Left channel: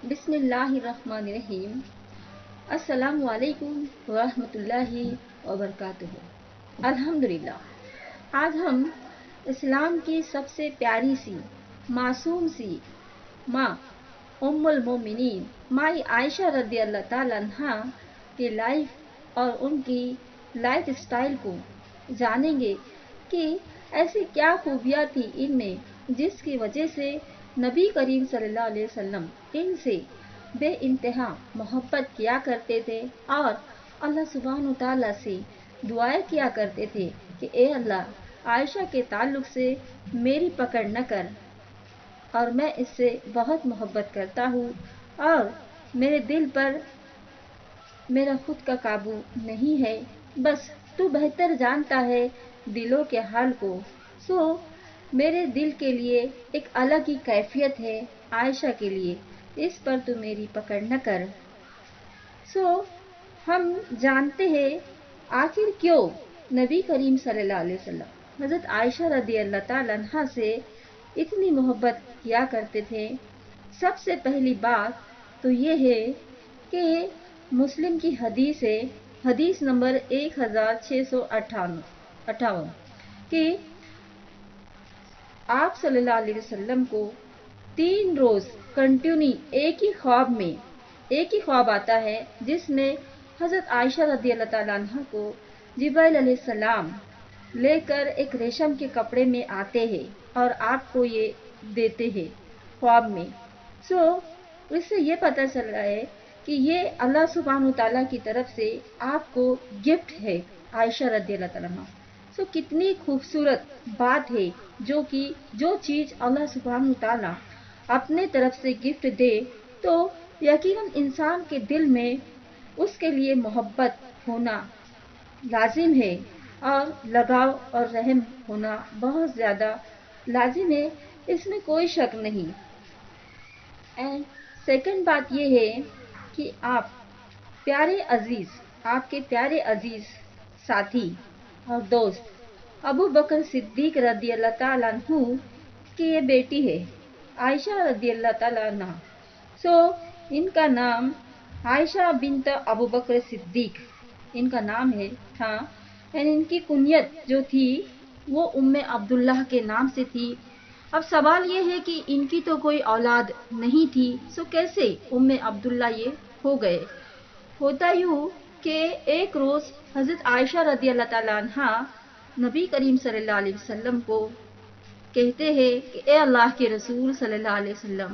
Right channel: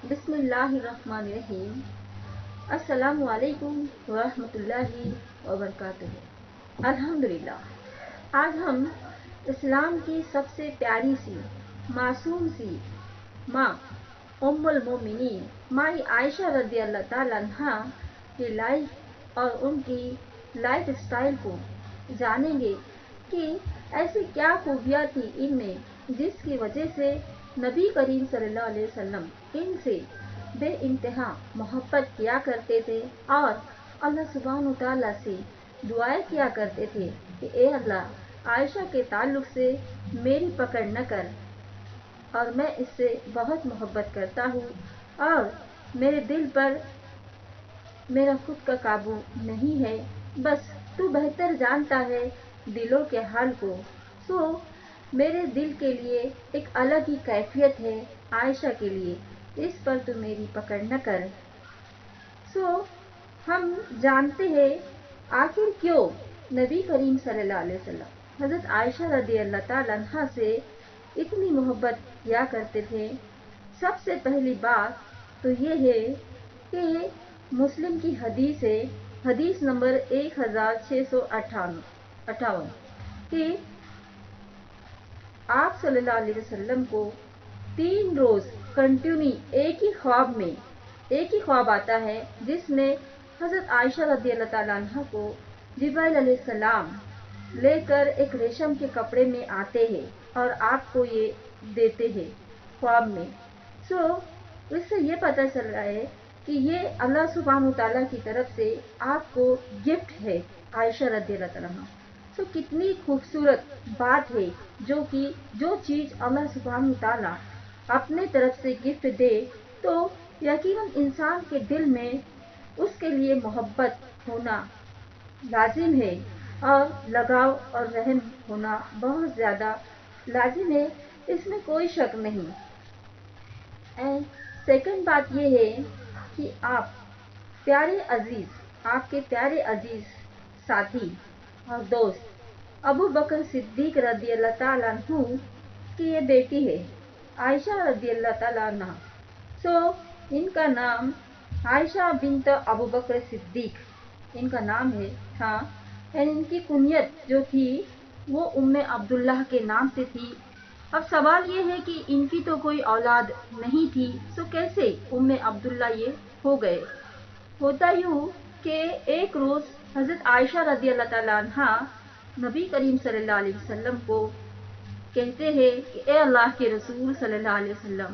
بسم اللہ الرحمن الرحیم۔ السلام علیکم ورحمۃ اللہ وبرکاتہ۔ الحمدللہ، آج ہم اسلام کی سب سے پیاری سی معصوم سی ماں ام المومنین مائی عائشہ رضی اللہ تعالی عنہا کی لائف اور ان کی لائف اسٹائل کو جانیں گے کہ ایسی کیا خوبیاں تھی ان میں جس کی وجہ سے نبی کریم صلی اللہ علیہ وسلم ان سے بے انتہا محبت کیا کرتے تھے اور اللہ سبحانہ تعالیٰ سے دعائیں کیا کرتے تھے کہ اے اللہ، عائشہ کے تعلق سے میری پکڑ نہ کر، اور میں اس سے بہت محبت کرتا ہوں اور میرے دل پر میرا خود کا قابو نہیں ہے، بس تو بہتر جانتا ہے دلوں کے حال کو، سو میرے دل کے لیے ایک الگ ہی کیفیت ہے عائشہ کے لیے، اس پر تو میری پکڑ نہ کر۔ سو ہم جانتے ہیں آخر کیوں نبی کریم صلی اللہ علیہ وسلم حضرت عائشہ رضی اللہ تعالیٰ عنہا سے اتنی محبت کیا کرتے تھے۔ سب سے پہلی بات تو یہ ہے کہ مسلم کی حدیث ہے، حدیث نمبر 1658 کہ آپ صلی اللہ علیہ وسلم کو 3 روز کنٹینیو ایک ہی خواب آتا ہے جس میں حضرت عائشہ رضی اللہ تعالیٰ عنہ کو جبرائیل علیہ السلام لے کر ایک ریشم کے کپڑے میں آتے ہیں اور آپ کو یہ دیتے ہیں خواب میں۔ سو اس سے یہ پتہ چل رہا ہے کہ یہ اللہ سبحانہ تعالیٰ کی طرف سے آپ کو گفٹ ہے عائشہ رضی اللہ تعالیٰ عنہ۔ سو کتنی خوبصورت بات ہے جو چیز اللہ سبحانہ تعالیٰ اپنے طرف سے گفٹ دے تو یقیناً انسان کے دل میں اس کے لیے محبت ہونا لازم ہے اور لگاؤ اور رحم ہونا بہت زیادہ لازم ہے، اس میں کوئی شک نہیں۔ اینڈ سیکنڈ بات یہ ہے کہ آپ کے پیارے عزیز ساتھی اور دوست ابو بکر صدیق رضی اللہ تعالیٰ عنہ کی یہ بیٹی ہے عائشہ رضی اللہ تعالیٰ عنہ۔ سو ان کا نام عائشہ بنت ابو بکر صدیق ان کا نام تھا، اور ان کی کنیت جو تھی وہ ام عبداللہ کے نام سے تھی۔ اب سوال یہ ہے کہ ان کی تو کوئی اولاد نہیں تھی، سو کیسے ام عبداللہ یہ ہو گئے؟ ہوتا یوں کہ ایک روز حضرت عائشہ رضی اللہ تعالیٰ عنہ نبی کریم صلی اللہ علیہ وسلم کو کہتے ہیں کہ اے اللہ کے رسول صلی اللہ علیہ وسلم،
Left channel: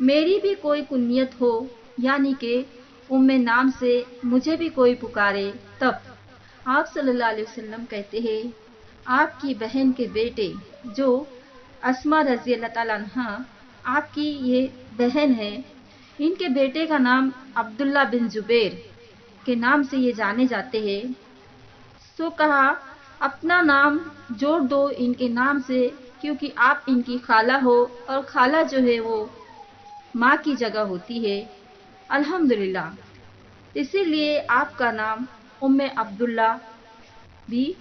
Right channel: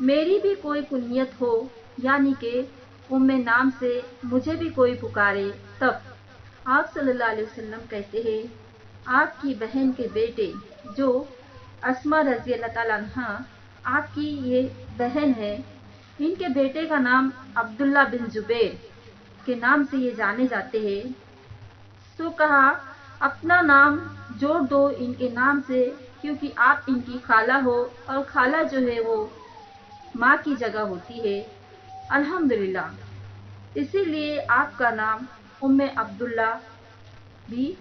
میری بھی کوئی کنیت ہو، یعنی کہ ام نام سے مجھے بھی کوئی پکارے۔ تب آپ صلی اللہ علیہ وسلم کہتے ہیں آپ کی بہن کے بیٹے جو اسما رضی اللہ تعالیٰ عنہ آپ کی یہ بہن ہے، ان کے بیٹے کا نام عبداللہ بن زبیر کے نام سے یہ جانے جاتے ہیں۔ سو کہا اپنا نام جوڑ دو ان کے نام سے، کیونکہ آپ ان کی خالہ ہو اور خالہ جو ہے وہ ماں کی جگہ ہوتی ہے، الحمدللہ، اسی لیے آپ کا نام ام عبداللہ بھی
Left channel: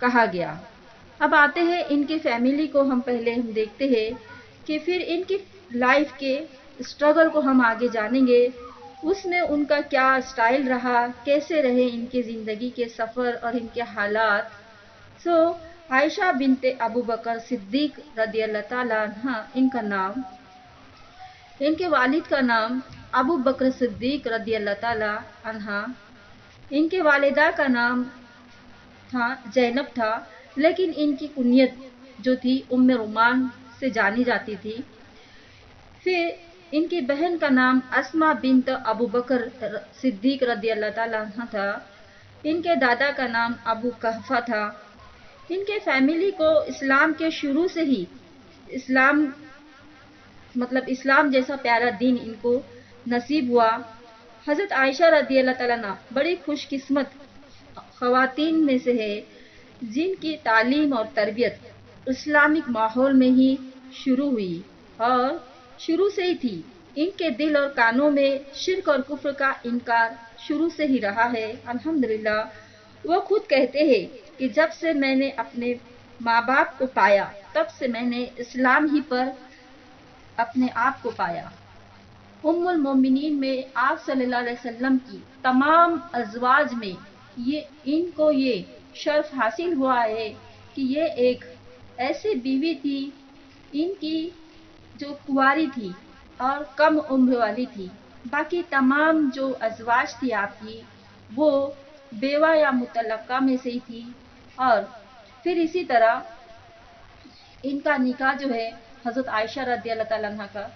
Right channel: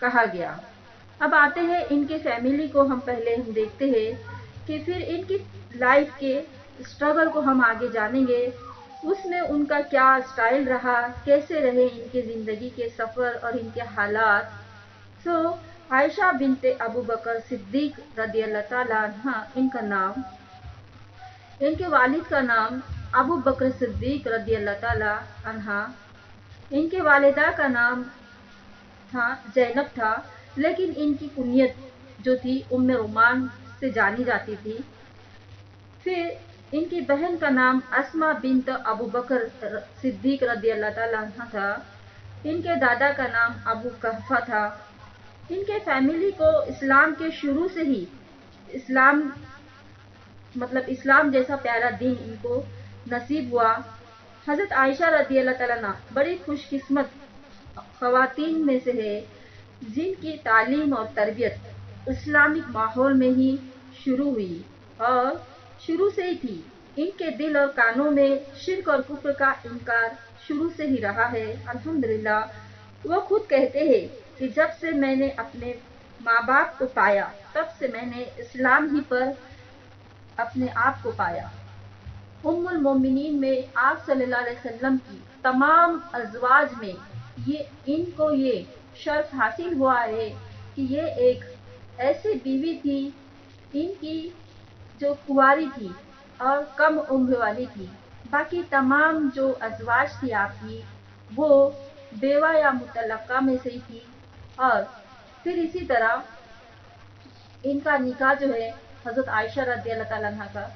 کہا گیا۔ اب آتے ہیں ان کی فیملی کو، ہم دیکھتے ہیں کہ پھر ان کی لائف کے اسٹرگل کو ہم آگے جانیں گے، اس میں ان کا کیا اسٹائل رہا، کیسے رہے ان کے زندگی کے سفر اور ان کے حالات۔ سو عائشہ بنت ابو بکر صدیق رضی اللہ تعالیٰ عنہ ان کا نام، ان کے والد کا نام ابو بکر صدیق رضی اللہ تعالیٰ عنہ، ان کے والدہ کا نام زینب تھا، لیکن ان کی کنیت جو تھی ام رومان سے جانی جاتی تھی۔ پھر ان کی بہن کا نام اسما بنت ابو بکر صدیق رضی اللہ تعالیٰ عنہ تھا، ان کے دادا کا نام ابو قحفہ تھا۔ ان کے فیملی کو اسلام کے شروع سے ہی اسلام جیسا پیارا دین ان کو نصیب ہوا۔ حضرت عائشہ رضی اللہ تعالیٰ عنہ بڑی خوش قسمت خواتین میں سے ہے جن کی تعلیم اور تربیت اسلامک ماحول میں ہی شروع ہوئی، اور شروع سے ہی تھی۔ ان کے دل اور کانوں میں شرک اور کفر کا انکار شروع سے ہی رہا ہے، الحمدللہ۔ وہ خود کہتے ہیں کہ جب سے میں نے اپنے ماں باپ کو پایا تب سے میں نے اسلام ہی پر اپنے آپ کو پایا۔ उम्मुल मोमिनीन में आप सल्लल्लाहु अलैहि वसल्लम की तमाम अज़वाज में इनको ये शर्फ हासिल हुआ है कि ये एक ऐसी बीवी थी, इनकी जो कुंवारी थी और कम उम्र वाली थी। बाकी तमाम जो अज़वाज थी आपकी, वो बेवा या मुतल्लका में से ही थी। और फिर इसी तरह इनका निकाह जो है हज़रत आयशा रज़ी अल्लाह तआला अन्हा का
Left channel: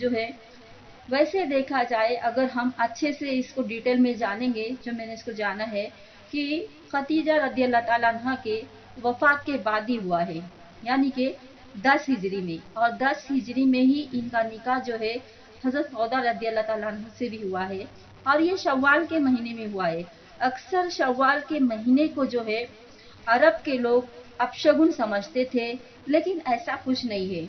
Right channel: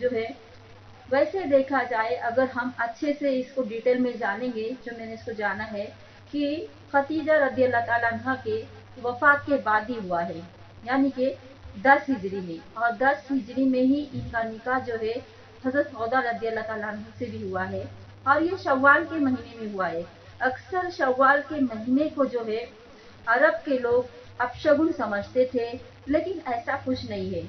जो है, वैसे देखा जाए अगर हम अच्छे से इसको डिटेल में जानेंगे, जो मैंने इसको जाना है कि खतीजा रज़ी अल्लाह तआला अन्हा के वफ़ात के बाद ही हुआ है, यानी कि 10 हिजरी में। और 10 हिजरी में ही इनका निकाह जो है हज़रत सौदा रज़ी अल्लाह तआला अन्हा से भी हुआ है, और ये शव्वाल के महीने में हुआ है। अक्सर शव्वाल के महीने को जो है अरब के लोग अपशगुन समझते थे, लेकिन ऐसा कुछ नहीं है।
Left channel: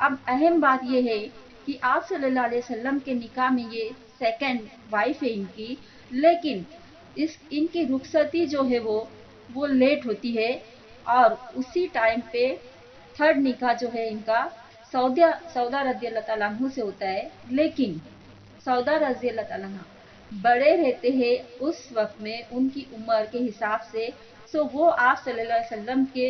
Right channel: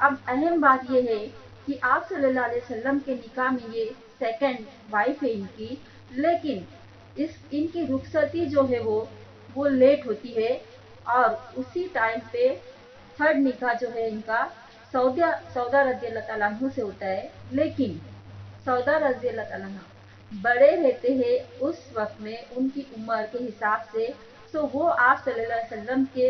अब अहम बात यह है कि आप सल्लल्लाहु अलैहि वसल्लम के निकाह में ये सेकंड वाइफ है इनकी, लेकिन इनकी रुखसती जो है वो लेट होती है, और उसी टाइम पे थर्ड निकाह जो है इनका सौदा रज़ी अल्लाह तआला अन्हु से होता है। लेकिन सौदा रज़ी अल्लाह तआला अन्हा बड़े रहते हैं उस वक्त में उनकी उम्र के हिसाब से, वो आप सल्लल्लाहु अलैहि वसल्लम के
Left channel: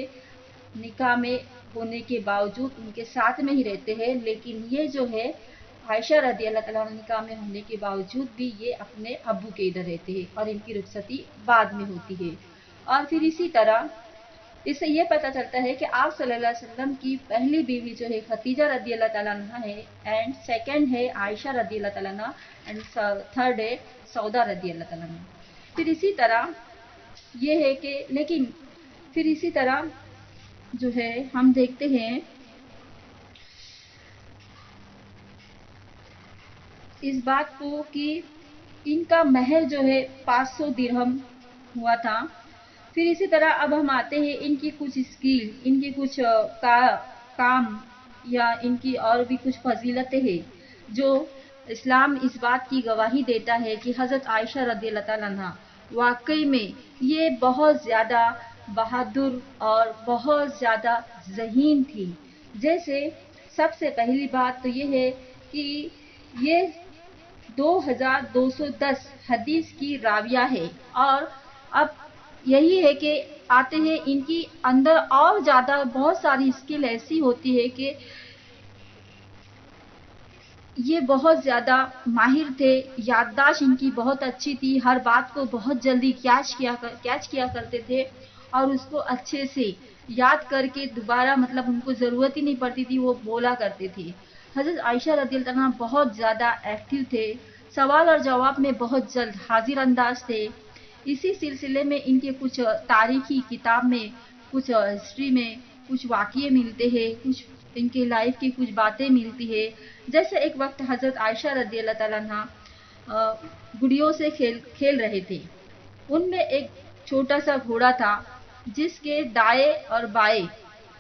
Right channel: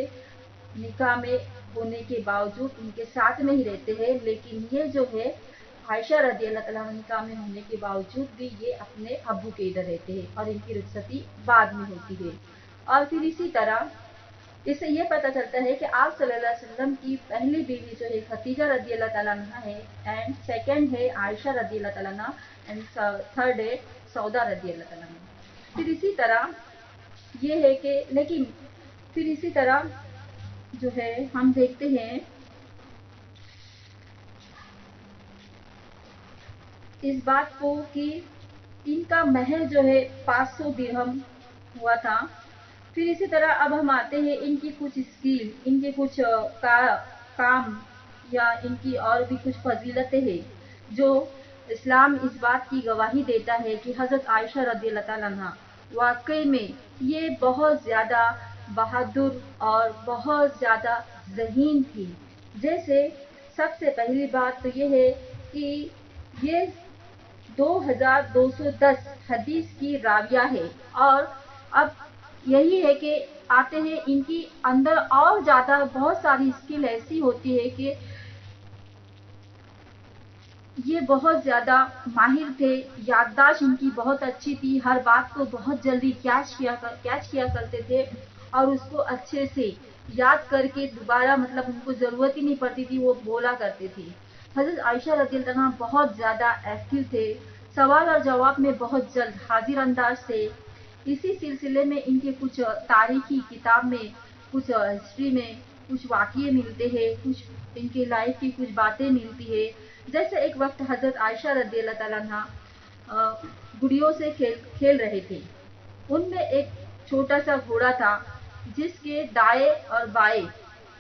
निकाह में होने के बावजूद उनके साथ में ही रहते हैं। लेकिन ये जो है आयशा रज़ी अल्लाह तआला अन्हा निकाह में होने के बावजूद भी ये अपने अब्बू के इधर रहते हैं, और इनकी रुखसती बाद में होती है। और फिर इसी तरह इससे ये पता चलता है कि आप सल्लल्लाहु अलैहि वसल्लम की पहली बीवी जो है खतीजा रज़ी अल्लाह तआला अन्हा है, एंड सेकंड है आयशा रज़ी अल्लाह तआला अन्हा, एंड थर्ड है सौदा रज़ी अल्लाह तआला अन्हा। फिर इसी तरह ये है कि लेकिन फिर इसी तरह जो है हम देखते हैं इस बात को कि इनका महर जो है 500 दिरहम हुआ था। फिर इसी तरह अब हम आते हैं इनकी कुछ स्किल, इनके कुछ काम या इनकी और भी कुछ फजीलतें हैं जो इस्लाम इस बात की गवाही देता है कि हज़रत आयशा रज़ी अल्लाह तआला अन्हा वाकई में ये बहुत ज़्यादा बहादुर और बहुत ज़्यादा ज़हीन थी। जैसे सबसे पहली बात तो ये है कि ये 2210 हदीस की राविया है। और अब यही है कि आते हैं इनकी अंदर और ज़्यादा बहुत सारी स्किल ऐसी होती है कि ये बहुत ज़्यादा माहिर थे, याददाश्त इनकी बहुत अच्छी थी, हर बात को बहुत जल्दी कैच किया करते थे, और उसको अच्छे से याद करके दोबारा मतलब उनको ज़रूरत ही नहीं पड़ती थी, वो बोला करते थे। हज़रत आयशा रज़ी अल्लाह अन्हा बहुत ज़्यादा एक्टिव थे, सवाल और जवाब में बहुत जल्द हाजिर अंदाज थे। इसी सिलसिले में इनके कुछ तारीखी किताब में, कुछ हिस्ट्री में कुछ वाक़ये मिलते हैं, कुछ इनके लाइफ की कुछ बातें मिलती है। जैसे एक वक्त हज़रत आयशा रज़ी अल्लाह तआला अन्हा गुड़ियों से खेल रहे थे। उनमें एक छोटा सा घोड़ा था जिसके दाएं और बाएं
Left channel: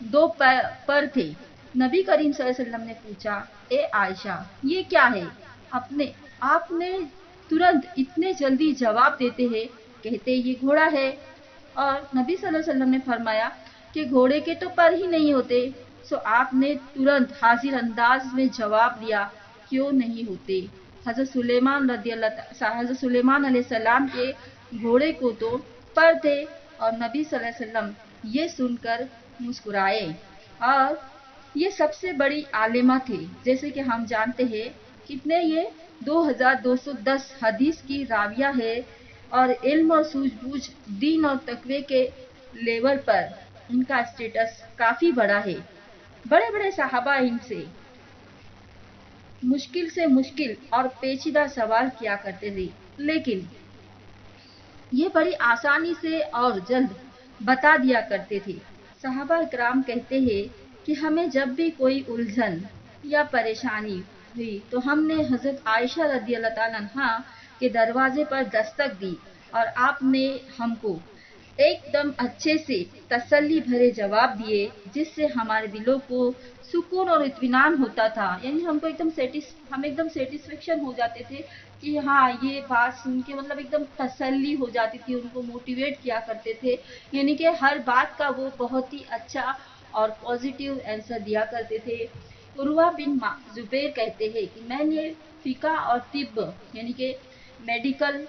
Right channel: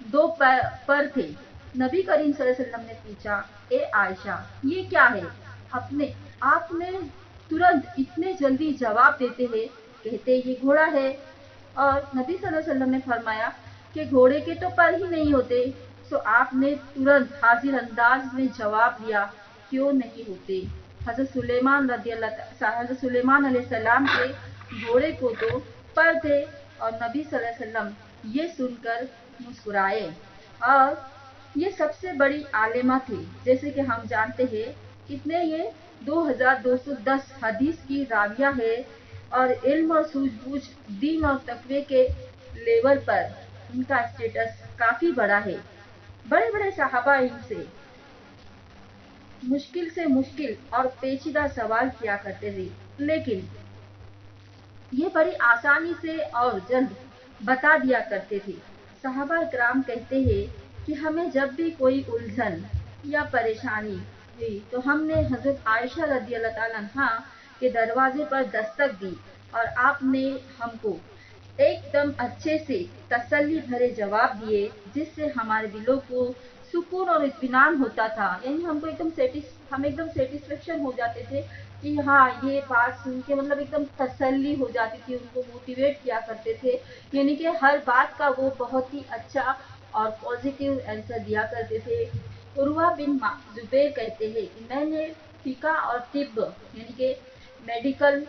दो पर थे। नबी करीम सल्लल्लाहु अलैहि वसल्लम ने पूछा, ए आयशा ये क्या है? अपने आपने तुरंत इतने जल्दी जवाब देते हैं, कहते ये घोड़ा है। और नबी सल्लल्लाहु अलैहि वसल्लम ने फरमाया कि घोड़े के तो पर ही नहीं होते। आपने तुरंत हाजिर अंदाज में जवाब दिया, क्यों नहीं होते? हज़रत सुलेमान अलैहिस्सलाम के घोड़े को तो पर थे। और नबी सल्लल्लाहु अलैहि वसल्लम ये सुनकर मुस्कुराए। और ये सबसे बड़ी आलिमा थे, जैसे कि हम जानते हैं कितने ये 2210 हदीस की राविया है, और इल्म और सूझबूझ दीन और तकवे के लेवल पर इनका स्टेटस काफ़ी बड़ा है। बड़े बड़े साहबा इनसे मुश्किल से मुश्किल और पेचीदा सवाल किया करते थे, लेकिन ये बड़ी आसानी से और जल्द बता दिया करते थे। सहाबा किराम कहते हैं कि हमें जब भी कोई उलझन या परेशानी हुई तो हमने हज़रत आयशा रज़ी अल्लाह तआला अन्हा के दरवाजे पर दस्तक दी, और आपने हमको एकदम अच्छे से तसल्ली भरे जवाब दिए, जिससे हमारे दिलों को सुकून और इत्मीनान होता था। यानी हम एकदम सेटिस्फेक्शन हो जाते थे कि हाँ ये बात सुन के मतलब एकदम तसल्ली हो जाती थी, उनको मोटिवेट किया करते थे। यानी कि हर बात का वो बहुत ही अच्छा और पॉजिटिव आंसर दिया करते थे। उर्वा बिन जुबैर कहते हैं कि मैंने फिका और तिब्ब यानी कि मेडिकल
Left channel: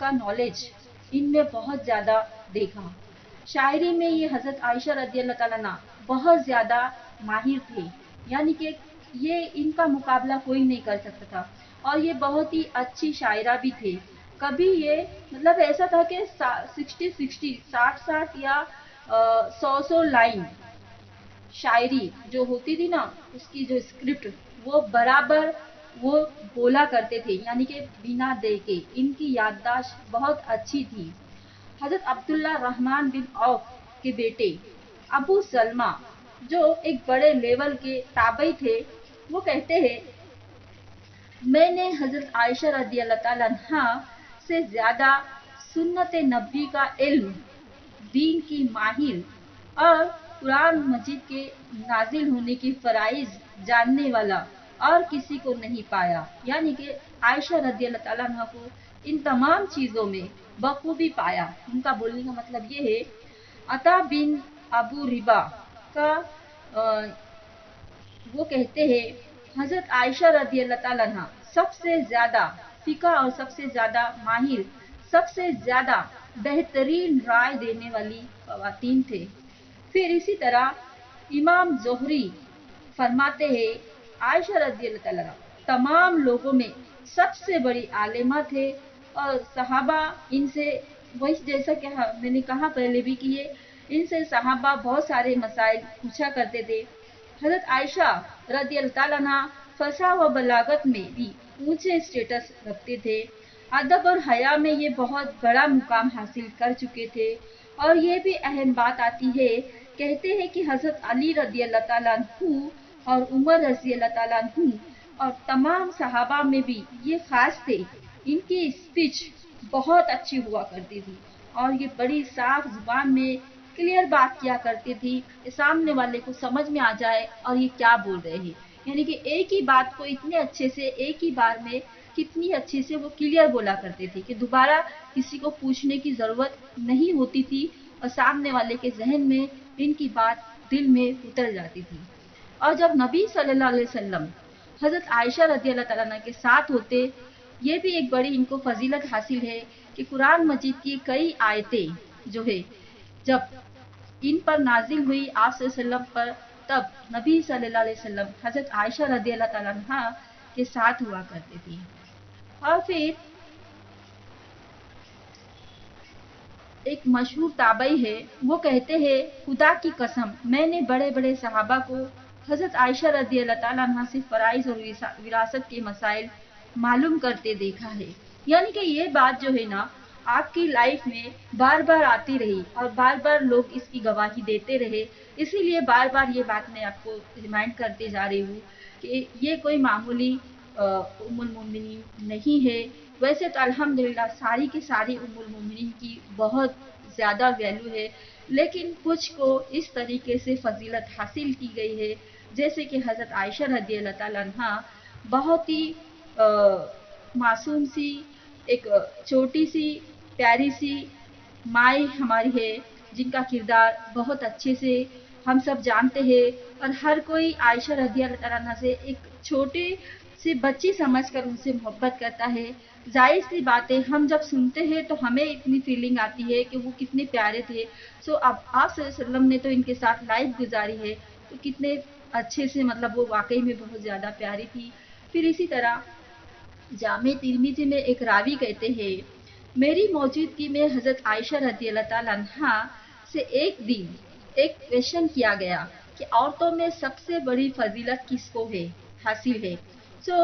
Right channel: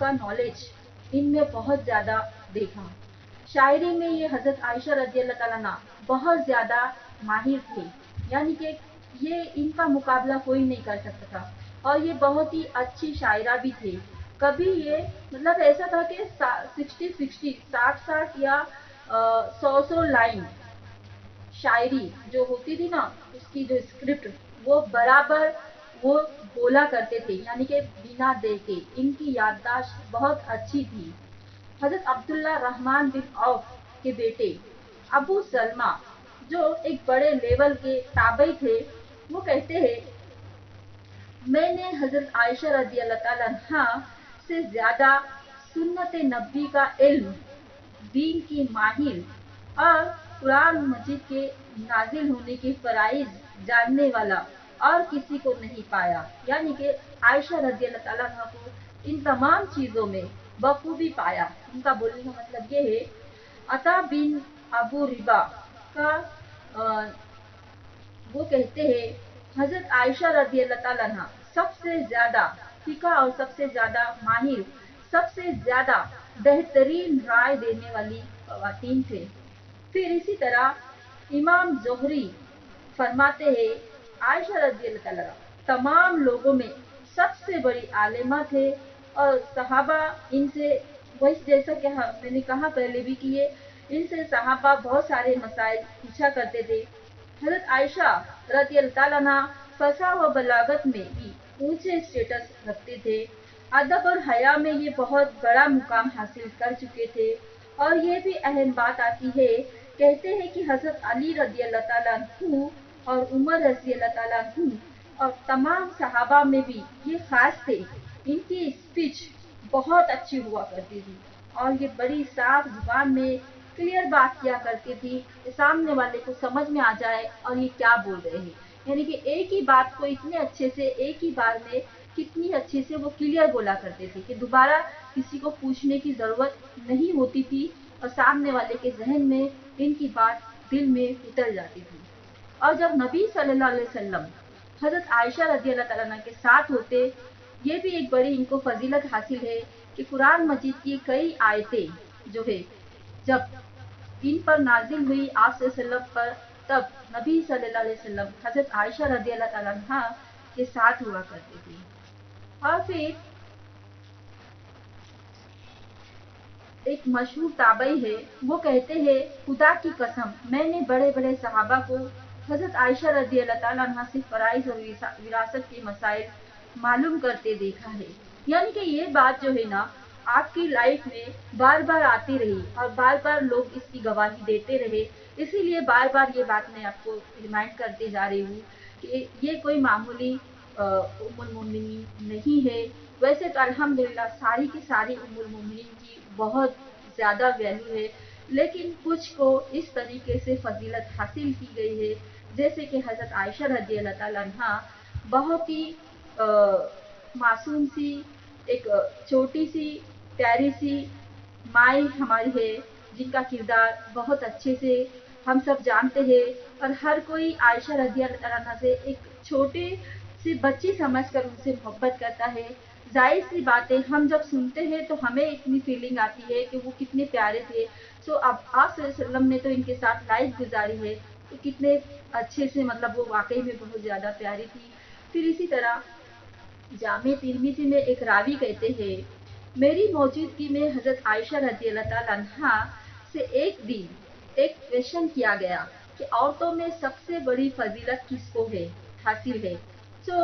का नॉलेज इनमें बहुत ज़्यादा देखा। शायरी में ये हज़रत आयशा रज़ी अल्लाह ताला अन्हा बहुत ज़्यादा माहिर थे, यानी कि ये इनका मुकाबला कोई नहीं कर सकता था, और ये बहुत ही अच्छी शायरा भी थे। कभी ये मतलब ऐसा था कि 60-60 या 100 लाइन शायरी जो होती थी ना, उसकी जो स्क्रिप्ट वो बराबर वो बोला करते थे, यानी कि बिना देखे। इनकी याददाश्त बहुत अच्छी थी। हजरत अब्दुल्ला रहमान बिन औफ के बेटे अबू सलमा जो एक बड़े लेवल के ताबई थे, वो कहते हैं मैंने हजरत आयशा रदी अल्लाह ताला अन्हा से ज्यादा सुन्नत नबी का इल्म, दीन की माहिर और कुरान मजीद के नाजिल होने के फराइज जानने वाला और किसी को नहीं पाया। यानी कि आयशा रदी अल्लाह ताला अन्हा को इन तमाम चीज़ों में बखूबी पाया। उनका बोलने का मतलब ये है। अता बिन अबू रिबा का वो कहते हैं हजरत आयशा रदी अल्लाह ताला अन्हा सबसे ज्यादा फिका और सबसे ज्यादा माहिर, सबसे ज्यादा बेहतरीन राय देने वाली खवातीन थे। फिर इसी तरह इमाम जोहरी फरमाते हैं आयशा रज़ी अल्लाह ताला तमाम लोगों में सबसे बड़ी आलिमा थे, और सहाबा इनसे वही जैसा कि मैंने कहा पहले भी कि ये इनसे सहाबा बहुत सारे मसाइल पूछा करते थे। हजरत आयशा रज़ी अल्लाह ताला अन्हा फसा व बलागत में भी ऊंचे स्टेटस रखते थे। अदब और हया में ये बहुत बड़ा मुकाम हासिल कर चुके थे। और ये भी अहम बात आती है, कहते हैं कि हजरत अली रज़ी अल्लाह ताला अन्हु और उमर रज़ी अल्लाह ताला अन्हु और तमाम सहाबा में भी ये खास थे, इनकी स्पीच बहुत अच्छी हुआ करती थी, और ये बड़ी साफ जुबान में क्लियर बात किया करती थी कि सामने वाले को समझ में आ जाए और ये क्या बोल रहे हैं। यानी कि एक ही बात को इतने अच्छे से एक ही बार में कितनी अच्छे से वो क्लियर बोला करते थे कि दोबारा किसी को पूछने की जरूरत नहीं होती थी, और सामने वाले के जहन में इनकी बात दिल में उतर जाती थी। और जब नबी सल्लल्लाहु अलैहि वसल्लम हजरत आयशा रज़ी अल्लाह ताला अन्हा के साथ होते, ये भी एक बड़ी इनको फजीलत हासिल है कि कुरान मजीद की कई आयतें जो है जब इन पर नाजिल हुई आप सल्लल्लाहु अलैहि वसल्लम पर, तब नबी सल्लल्लाहु अलैहि वसल्लम हजरत आयशा रज़ी अल्लाह ताला अन्हा के साथ हुआ करते थे। और फिर एक मशहूर ताबई है, वो कहते हैं खुदा की कसम मैंने बड़े बड़े सहाबा को हजरत आयशा रज़ी अल्लाह ताला अन्हा से फराइज और विरासत के मसाइल मालूम करते देखा है। यानी कि ये बात जो है ना आपकी लाइफ में बार बार आती रही और बार बार लोग इसकी गवाही देते रहे, इसीलिए बार बार ये बात मैं आपको रिमाइंड करते जा रही हूँ कि ये कोई मामूली उम्मुल मोमिनीन नहीं है। वैसे तो अल्हम्दुलिल्लाह सारी की सारी उम्मुल मोमिनीन की बहुत ज़्यादा वैल्यू है, लेकिन कुछ को इस तरीके से फजीलत हासिल की गई है, जैसे कि हज़रत आयशा रज़ी अल्लाह ताला अन्हा बहुत ही मासूम सी एक छोटी सी प्यारी सी माई हमारी है, जिनका किरदार बहुत अच्छे से हम सब जानते हैं, और हर कोई आयशा रज़ी अल्लाह अन्हा से एक छोटे से बच्ची समझकर उनसे मोहब्बत करता है। जाहिर सी बात है हम जब सुनते हैं तो हमें इतनी फीलिंग आती है कि वो कितने प्यारे थे। सो अब आप सल्लल्लाहु अलैहि वसल्लम ने तो इनके साथ लाइफ गुजारी है, तो कितने अच्छे से मतलब वो वाकई में बहुत ज़्यादा प्यारी थी। फिर इसी तरह जामे तिरमिजी में एक रावी कहते हैं मेरी मौजूदगी में हजरत आयशा रज़ी अल्लाह ताला अन्हा से एक दिन एक क्वेश्चन किया गया कि औरतों में सबसे बड़ी फजीलत किसको है हासिल है। सो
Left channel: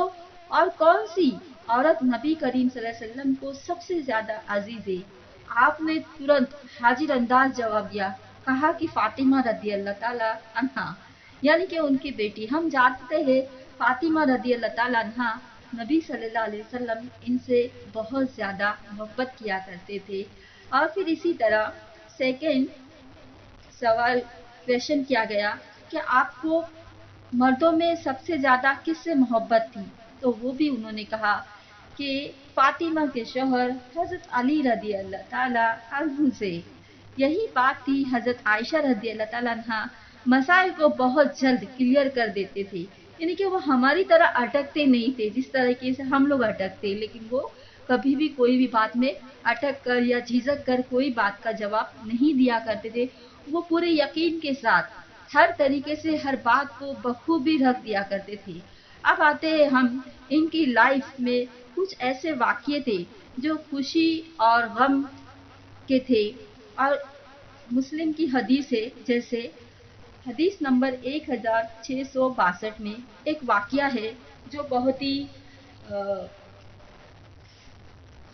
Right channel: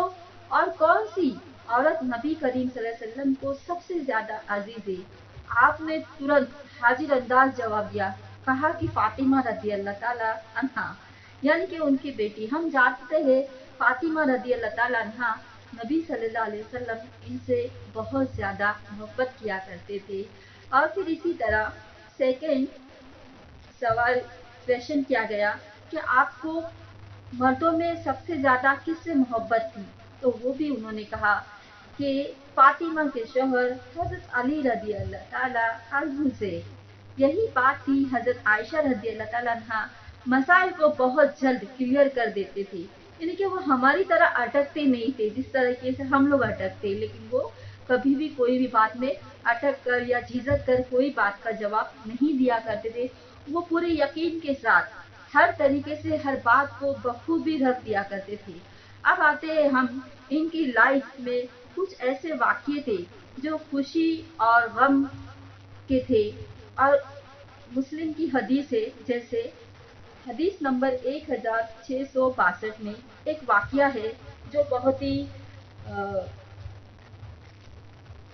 और कौन सी औरत नबी करीम सल्लल्लाहु अलैहि वसल्लम को सबसे ज्यादा अजीज है। आपने तुरंत हाजिर अंदाज जवाब दिया, कहा कि फातिमा रज़ी अल्लाह ताला अन्हा, यानी कि उनकी बेटी। हम जानते हैं फातिमा रज़ी अल्लाह ताला अन्हा नबी सल्लल्लाहु अलैहि वसल्लम इनसे बहुत ज़्यादा मोहब्बत किया करते थे। और फिर इसी तरह सेकंड सवाल क्वेश्चन किया गया कि आपको मर्दों में सबसे ज़्यादा किससे मोहब्बत थी, तो वो भी उन्होंने कहा कि फातिमा के शौहर हज़रत अली रज़ी अल्लाह ताला अन्हु से। यही बात थी हज़रत आयशा रज़ी अल्लाह ताला अन्हा مسائل کو بہت جلد کلیئر کر دیتے تھے، یعنی کہ وہ ہماری طرح اٹکتے نہیں تھے جس طریقے سے ہم لوگ اٹکتے، لیکن وہ کبھی بھی کوئی بھی بات میں اٹک کر یا جھجک کر کوئی بات کا جواب نہیں دیا کرتے تھے. وہ پورے یقین کے ساتھ ہر طریقے سے ہر بات کو بخوبی رکھ دیا کرتے تھے. اب آتے ہیں ہم ان کی لائف میں کچھ ایسے واقعے تھے جو خوشی اور غم کے تھے، اور مسلم کی حدیث ہے، جیسے حدیث نمبر 1662 میں ایک واقعہ ہے جو بہت ہی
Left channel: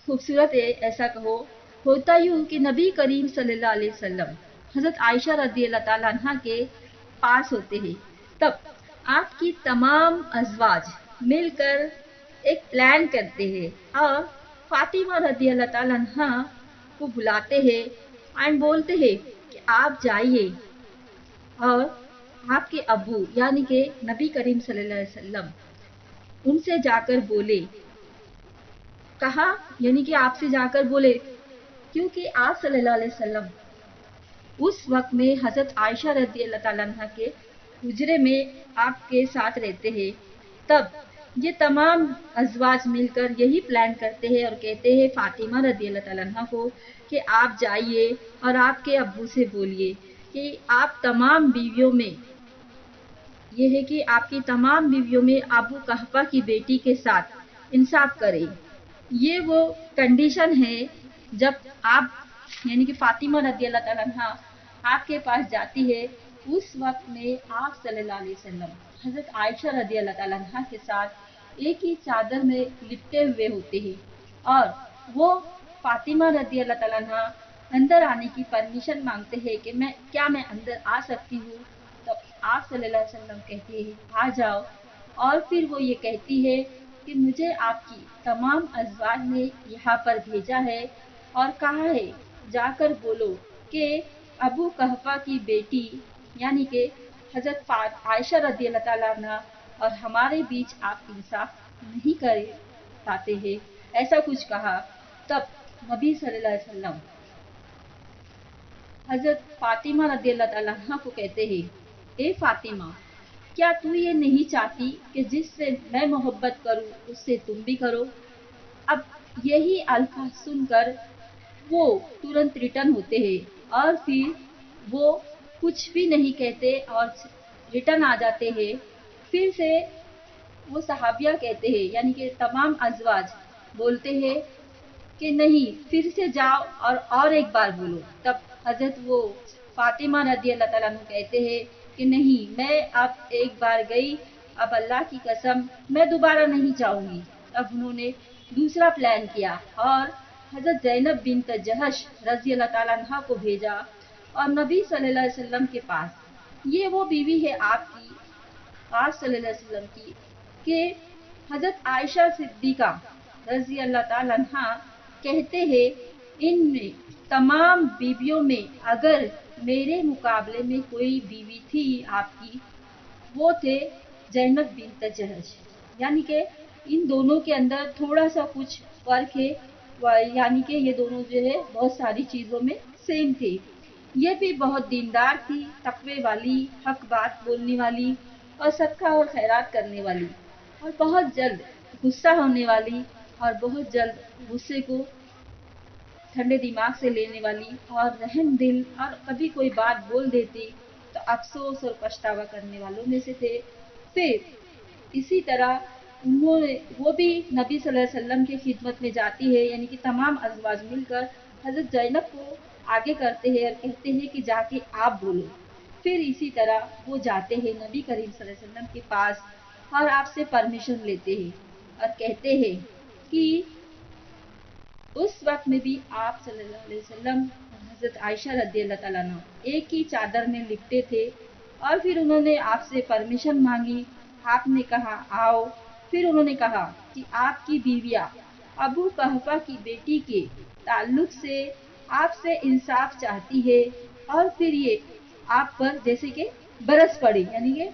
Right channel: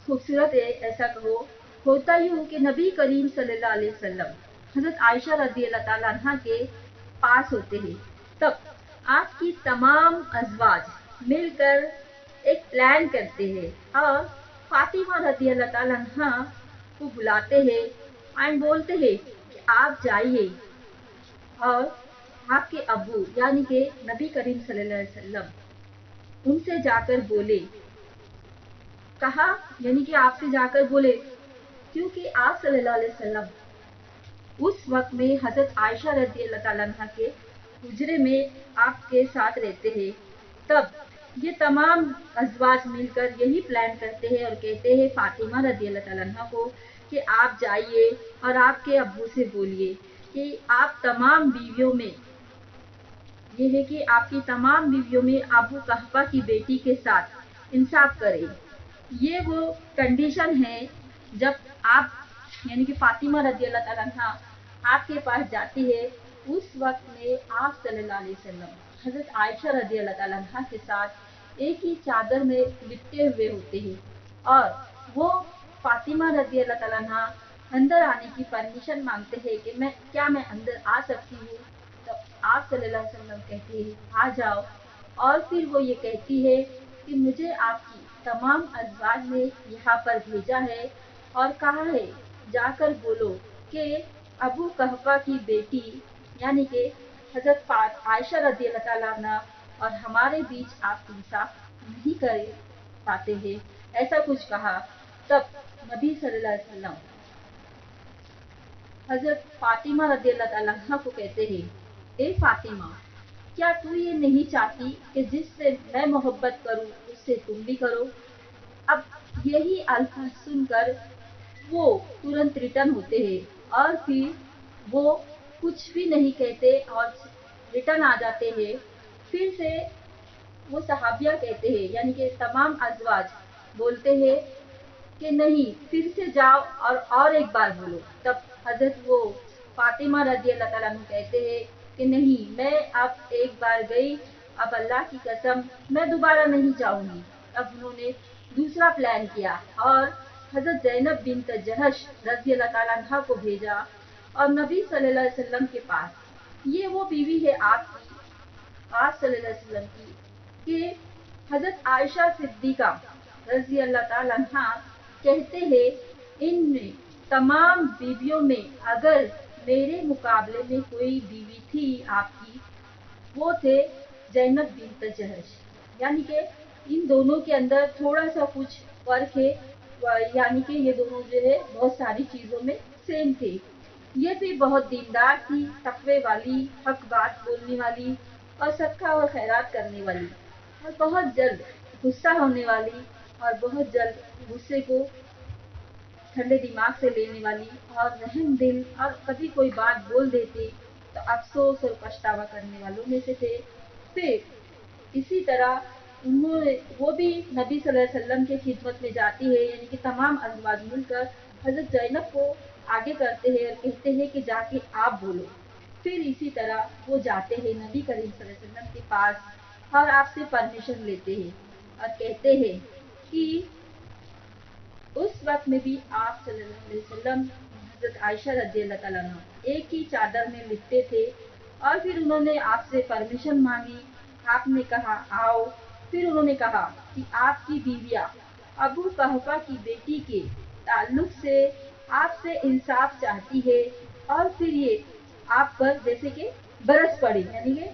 خوبصورت ہے. ایسا کہو، ہوتا یوں کہ نبی کریم صلی اللہ علیہ وسلم حضرت عائشہ رضی اللہ تعالیٰ عنہ کے پاس ہوتے ہیں. تب آپ کی تمام ازواج مل کر ایک پلان کرتے ہیں اور فاطمہ رضی اللہ تعالیٰ عنہ کو بلاتے ہیں اور بولتے ہیں کہ آپ جائیے اور آپ کے ابو یعنی کہ نبی کریم صلی اللہ علیہ وسلم ان سے جا کر بولے. کہا یعنی کہ آپ سے جا کر بولے، کیونکہ آپ صلی اللہ علیہ وسلم اس وقت میں حضرت عائشہ رضی اللہ تعالیٰ عنہ کے حجرے میں آپ کے ساتھ رہتے ہیں. تب یہ تمام ازواج مل کر یہی پلان کرتے ہیں اور کہتے ہیں فاطمہ رضی اللہ تعالیٰ عنہ کو کہ آپ جائیے اور آپ کے ابو سے بولیے کہ آپ تمام بیویوں میں یہ ہے کہ آپ کی تمام بیویوں میں ابو قحفہ کی بیٹی کے ساتھ انصاف کریں. یہ وہ کنڈیشن ہے جب آپ یعنی کہ فاطمہ رضی اللہ تعالیٰ عنہ آپ کے پاس جاتی ہے. اس وقت میں آپ صلی اللہ علیہ وسلم حضرت عائشہ رضی اللہ تعالیٰ عنہ کے ساتھ ایک ہی چادر میں لپٹے ہوئے ہوتے ہیں اور وہ فاطمہ رضی اللہ تعالیٰ عنہ اندر آنے کی پرمیشن مانگتے ہیں کہ میں اندر آ سکتی ہوں. تو آپ صلی اللہ علیہ وسلم کہتے ہیں آ جاؤ، اور پھر وہ یہ کہتی ہے کہ مجھے آپ کی تمام ازواج نے یہاں پر بھیجا ہے اور کہا ہے جا کر بولو کہ ابو قحفہ کی بیٹی یعنی کہ حضرت عائشہ رضی اللہ تعالیٰ عنہ اور ہمارے بیچ آپ انصاف نہیں کر پاتے ہیں، ایسا کچھ کہا. تب نبی صلی اللہ علیہ وسلم حضرت فاطمہ رضی اللہ تعالیٰ عنہ کو کہتے ہیں اے فاطمہ، کیا تو یہ نہیں چاہتی کہ جس سے میں محبت کروں اس سے تم بھی کرو؟ اب یہی الفاظ سن کر وہ ترنت ریٹرن ہوتے ہیں اور پھر وہ کچھ بھی نہیں کہتے اور ریٹرن آ جاتے ہیں. پھر سے وہ صحابیہ کہتے ہیں یعنی کہ تمام ازواج بولتے ہیں کہ نہیں، پھر سے جاؤ اور ایک بار بولو. تب حضرت وہ فاطمہ رضی اللہ تعالیٰ عنہ کہتے ہیں کہ نہیں، میں اب ایک بار گئی، اب اللہ کی قسم میں دوبارہ نہیں جاؤں گی. اب انہوں نے دوسرا پلان کیا اور حضرت زینب بنت جہش رضی اللہ تعالیٰ عنہ کو بھیجا اور نبی صلی اللہ علیہ وسلم کے پاس. یہ وہ بیوی ہے آپ کی، آپ صلی اللہ علیہ وسلم کی، کہ حضرت عائشہ صدیقہ رضی اللہ تعالیٰ عنہ کہتے ہیں ان میں تمام بیویوں میں اگر میرے مقابلے میں کوئی بیوی تھی آپ کی، وہ تھے زینب بنت جہش. یعنی کہ ان دونوں کے اندر تھوڑا سا کچھ فرق ہے، یعنی کہ یہ دونوں جو ہے بہت ساری چیزوں میں سیم تھے. یہ بھی بہت دیندار تھی، تقوی والی، حق بات بولنے والی اور صدقہ اور خیرات کرنے والی، اور بہت جلد غصہ ہونے والی اور بہت جلد غصے کو ٹھنڈے دماغ سے لینے والی اور رحم دل، اور کبھی کوئی بات بول دیتی تو افسوس اور پچھتاوا کرنے والوں میں سے تھے. پھر اسی طرح وہ بھی نبی صلی اللہ علیہ وسلم کی خدمت میں جاتی ہے، یعنی کہ تمام ازواج مل کر حضرت زینب کو آگے کرتے ہیں اور کہتے ہیں کہ جا کے آپ بولو. پھر اسی طرح وہ جاتے ہیں نبی کریم صلی اللہ علیہ وسلم کے پاس اور آپ سے پرمیشن لیتے ہیں اور کہتے ہیں کہ اس وقت میں بھی آپ صلی اللہ علیہ وسلم حضرت عائشہ رضی اللہ تعالیٰ عنہ ایک ہی چادر میں لپٹے تھے اور پھر انہوں نے آپ سے پرمیشن مانگی. آپ نے کہا آؤ. پھر انہوں نے کہا کہ آپ کی بیویاں ابو قحفہ کی بیٹی کے تعلق سے آپ سے انصاف چاہتی ہے، اور پھر یہ آپ پر جیسے کہ برس پڑی، یعنی کہ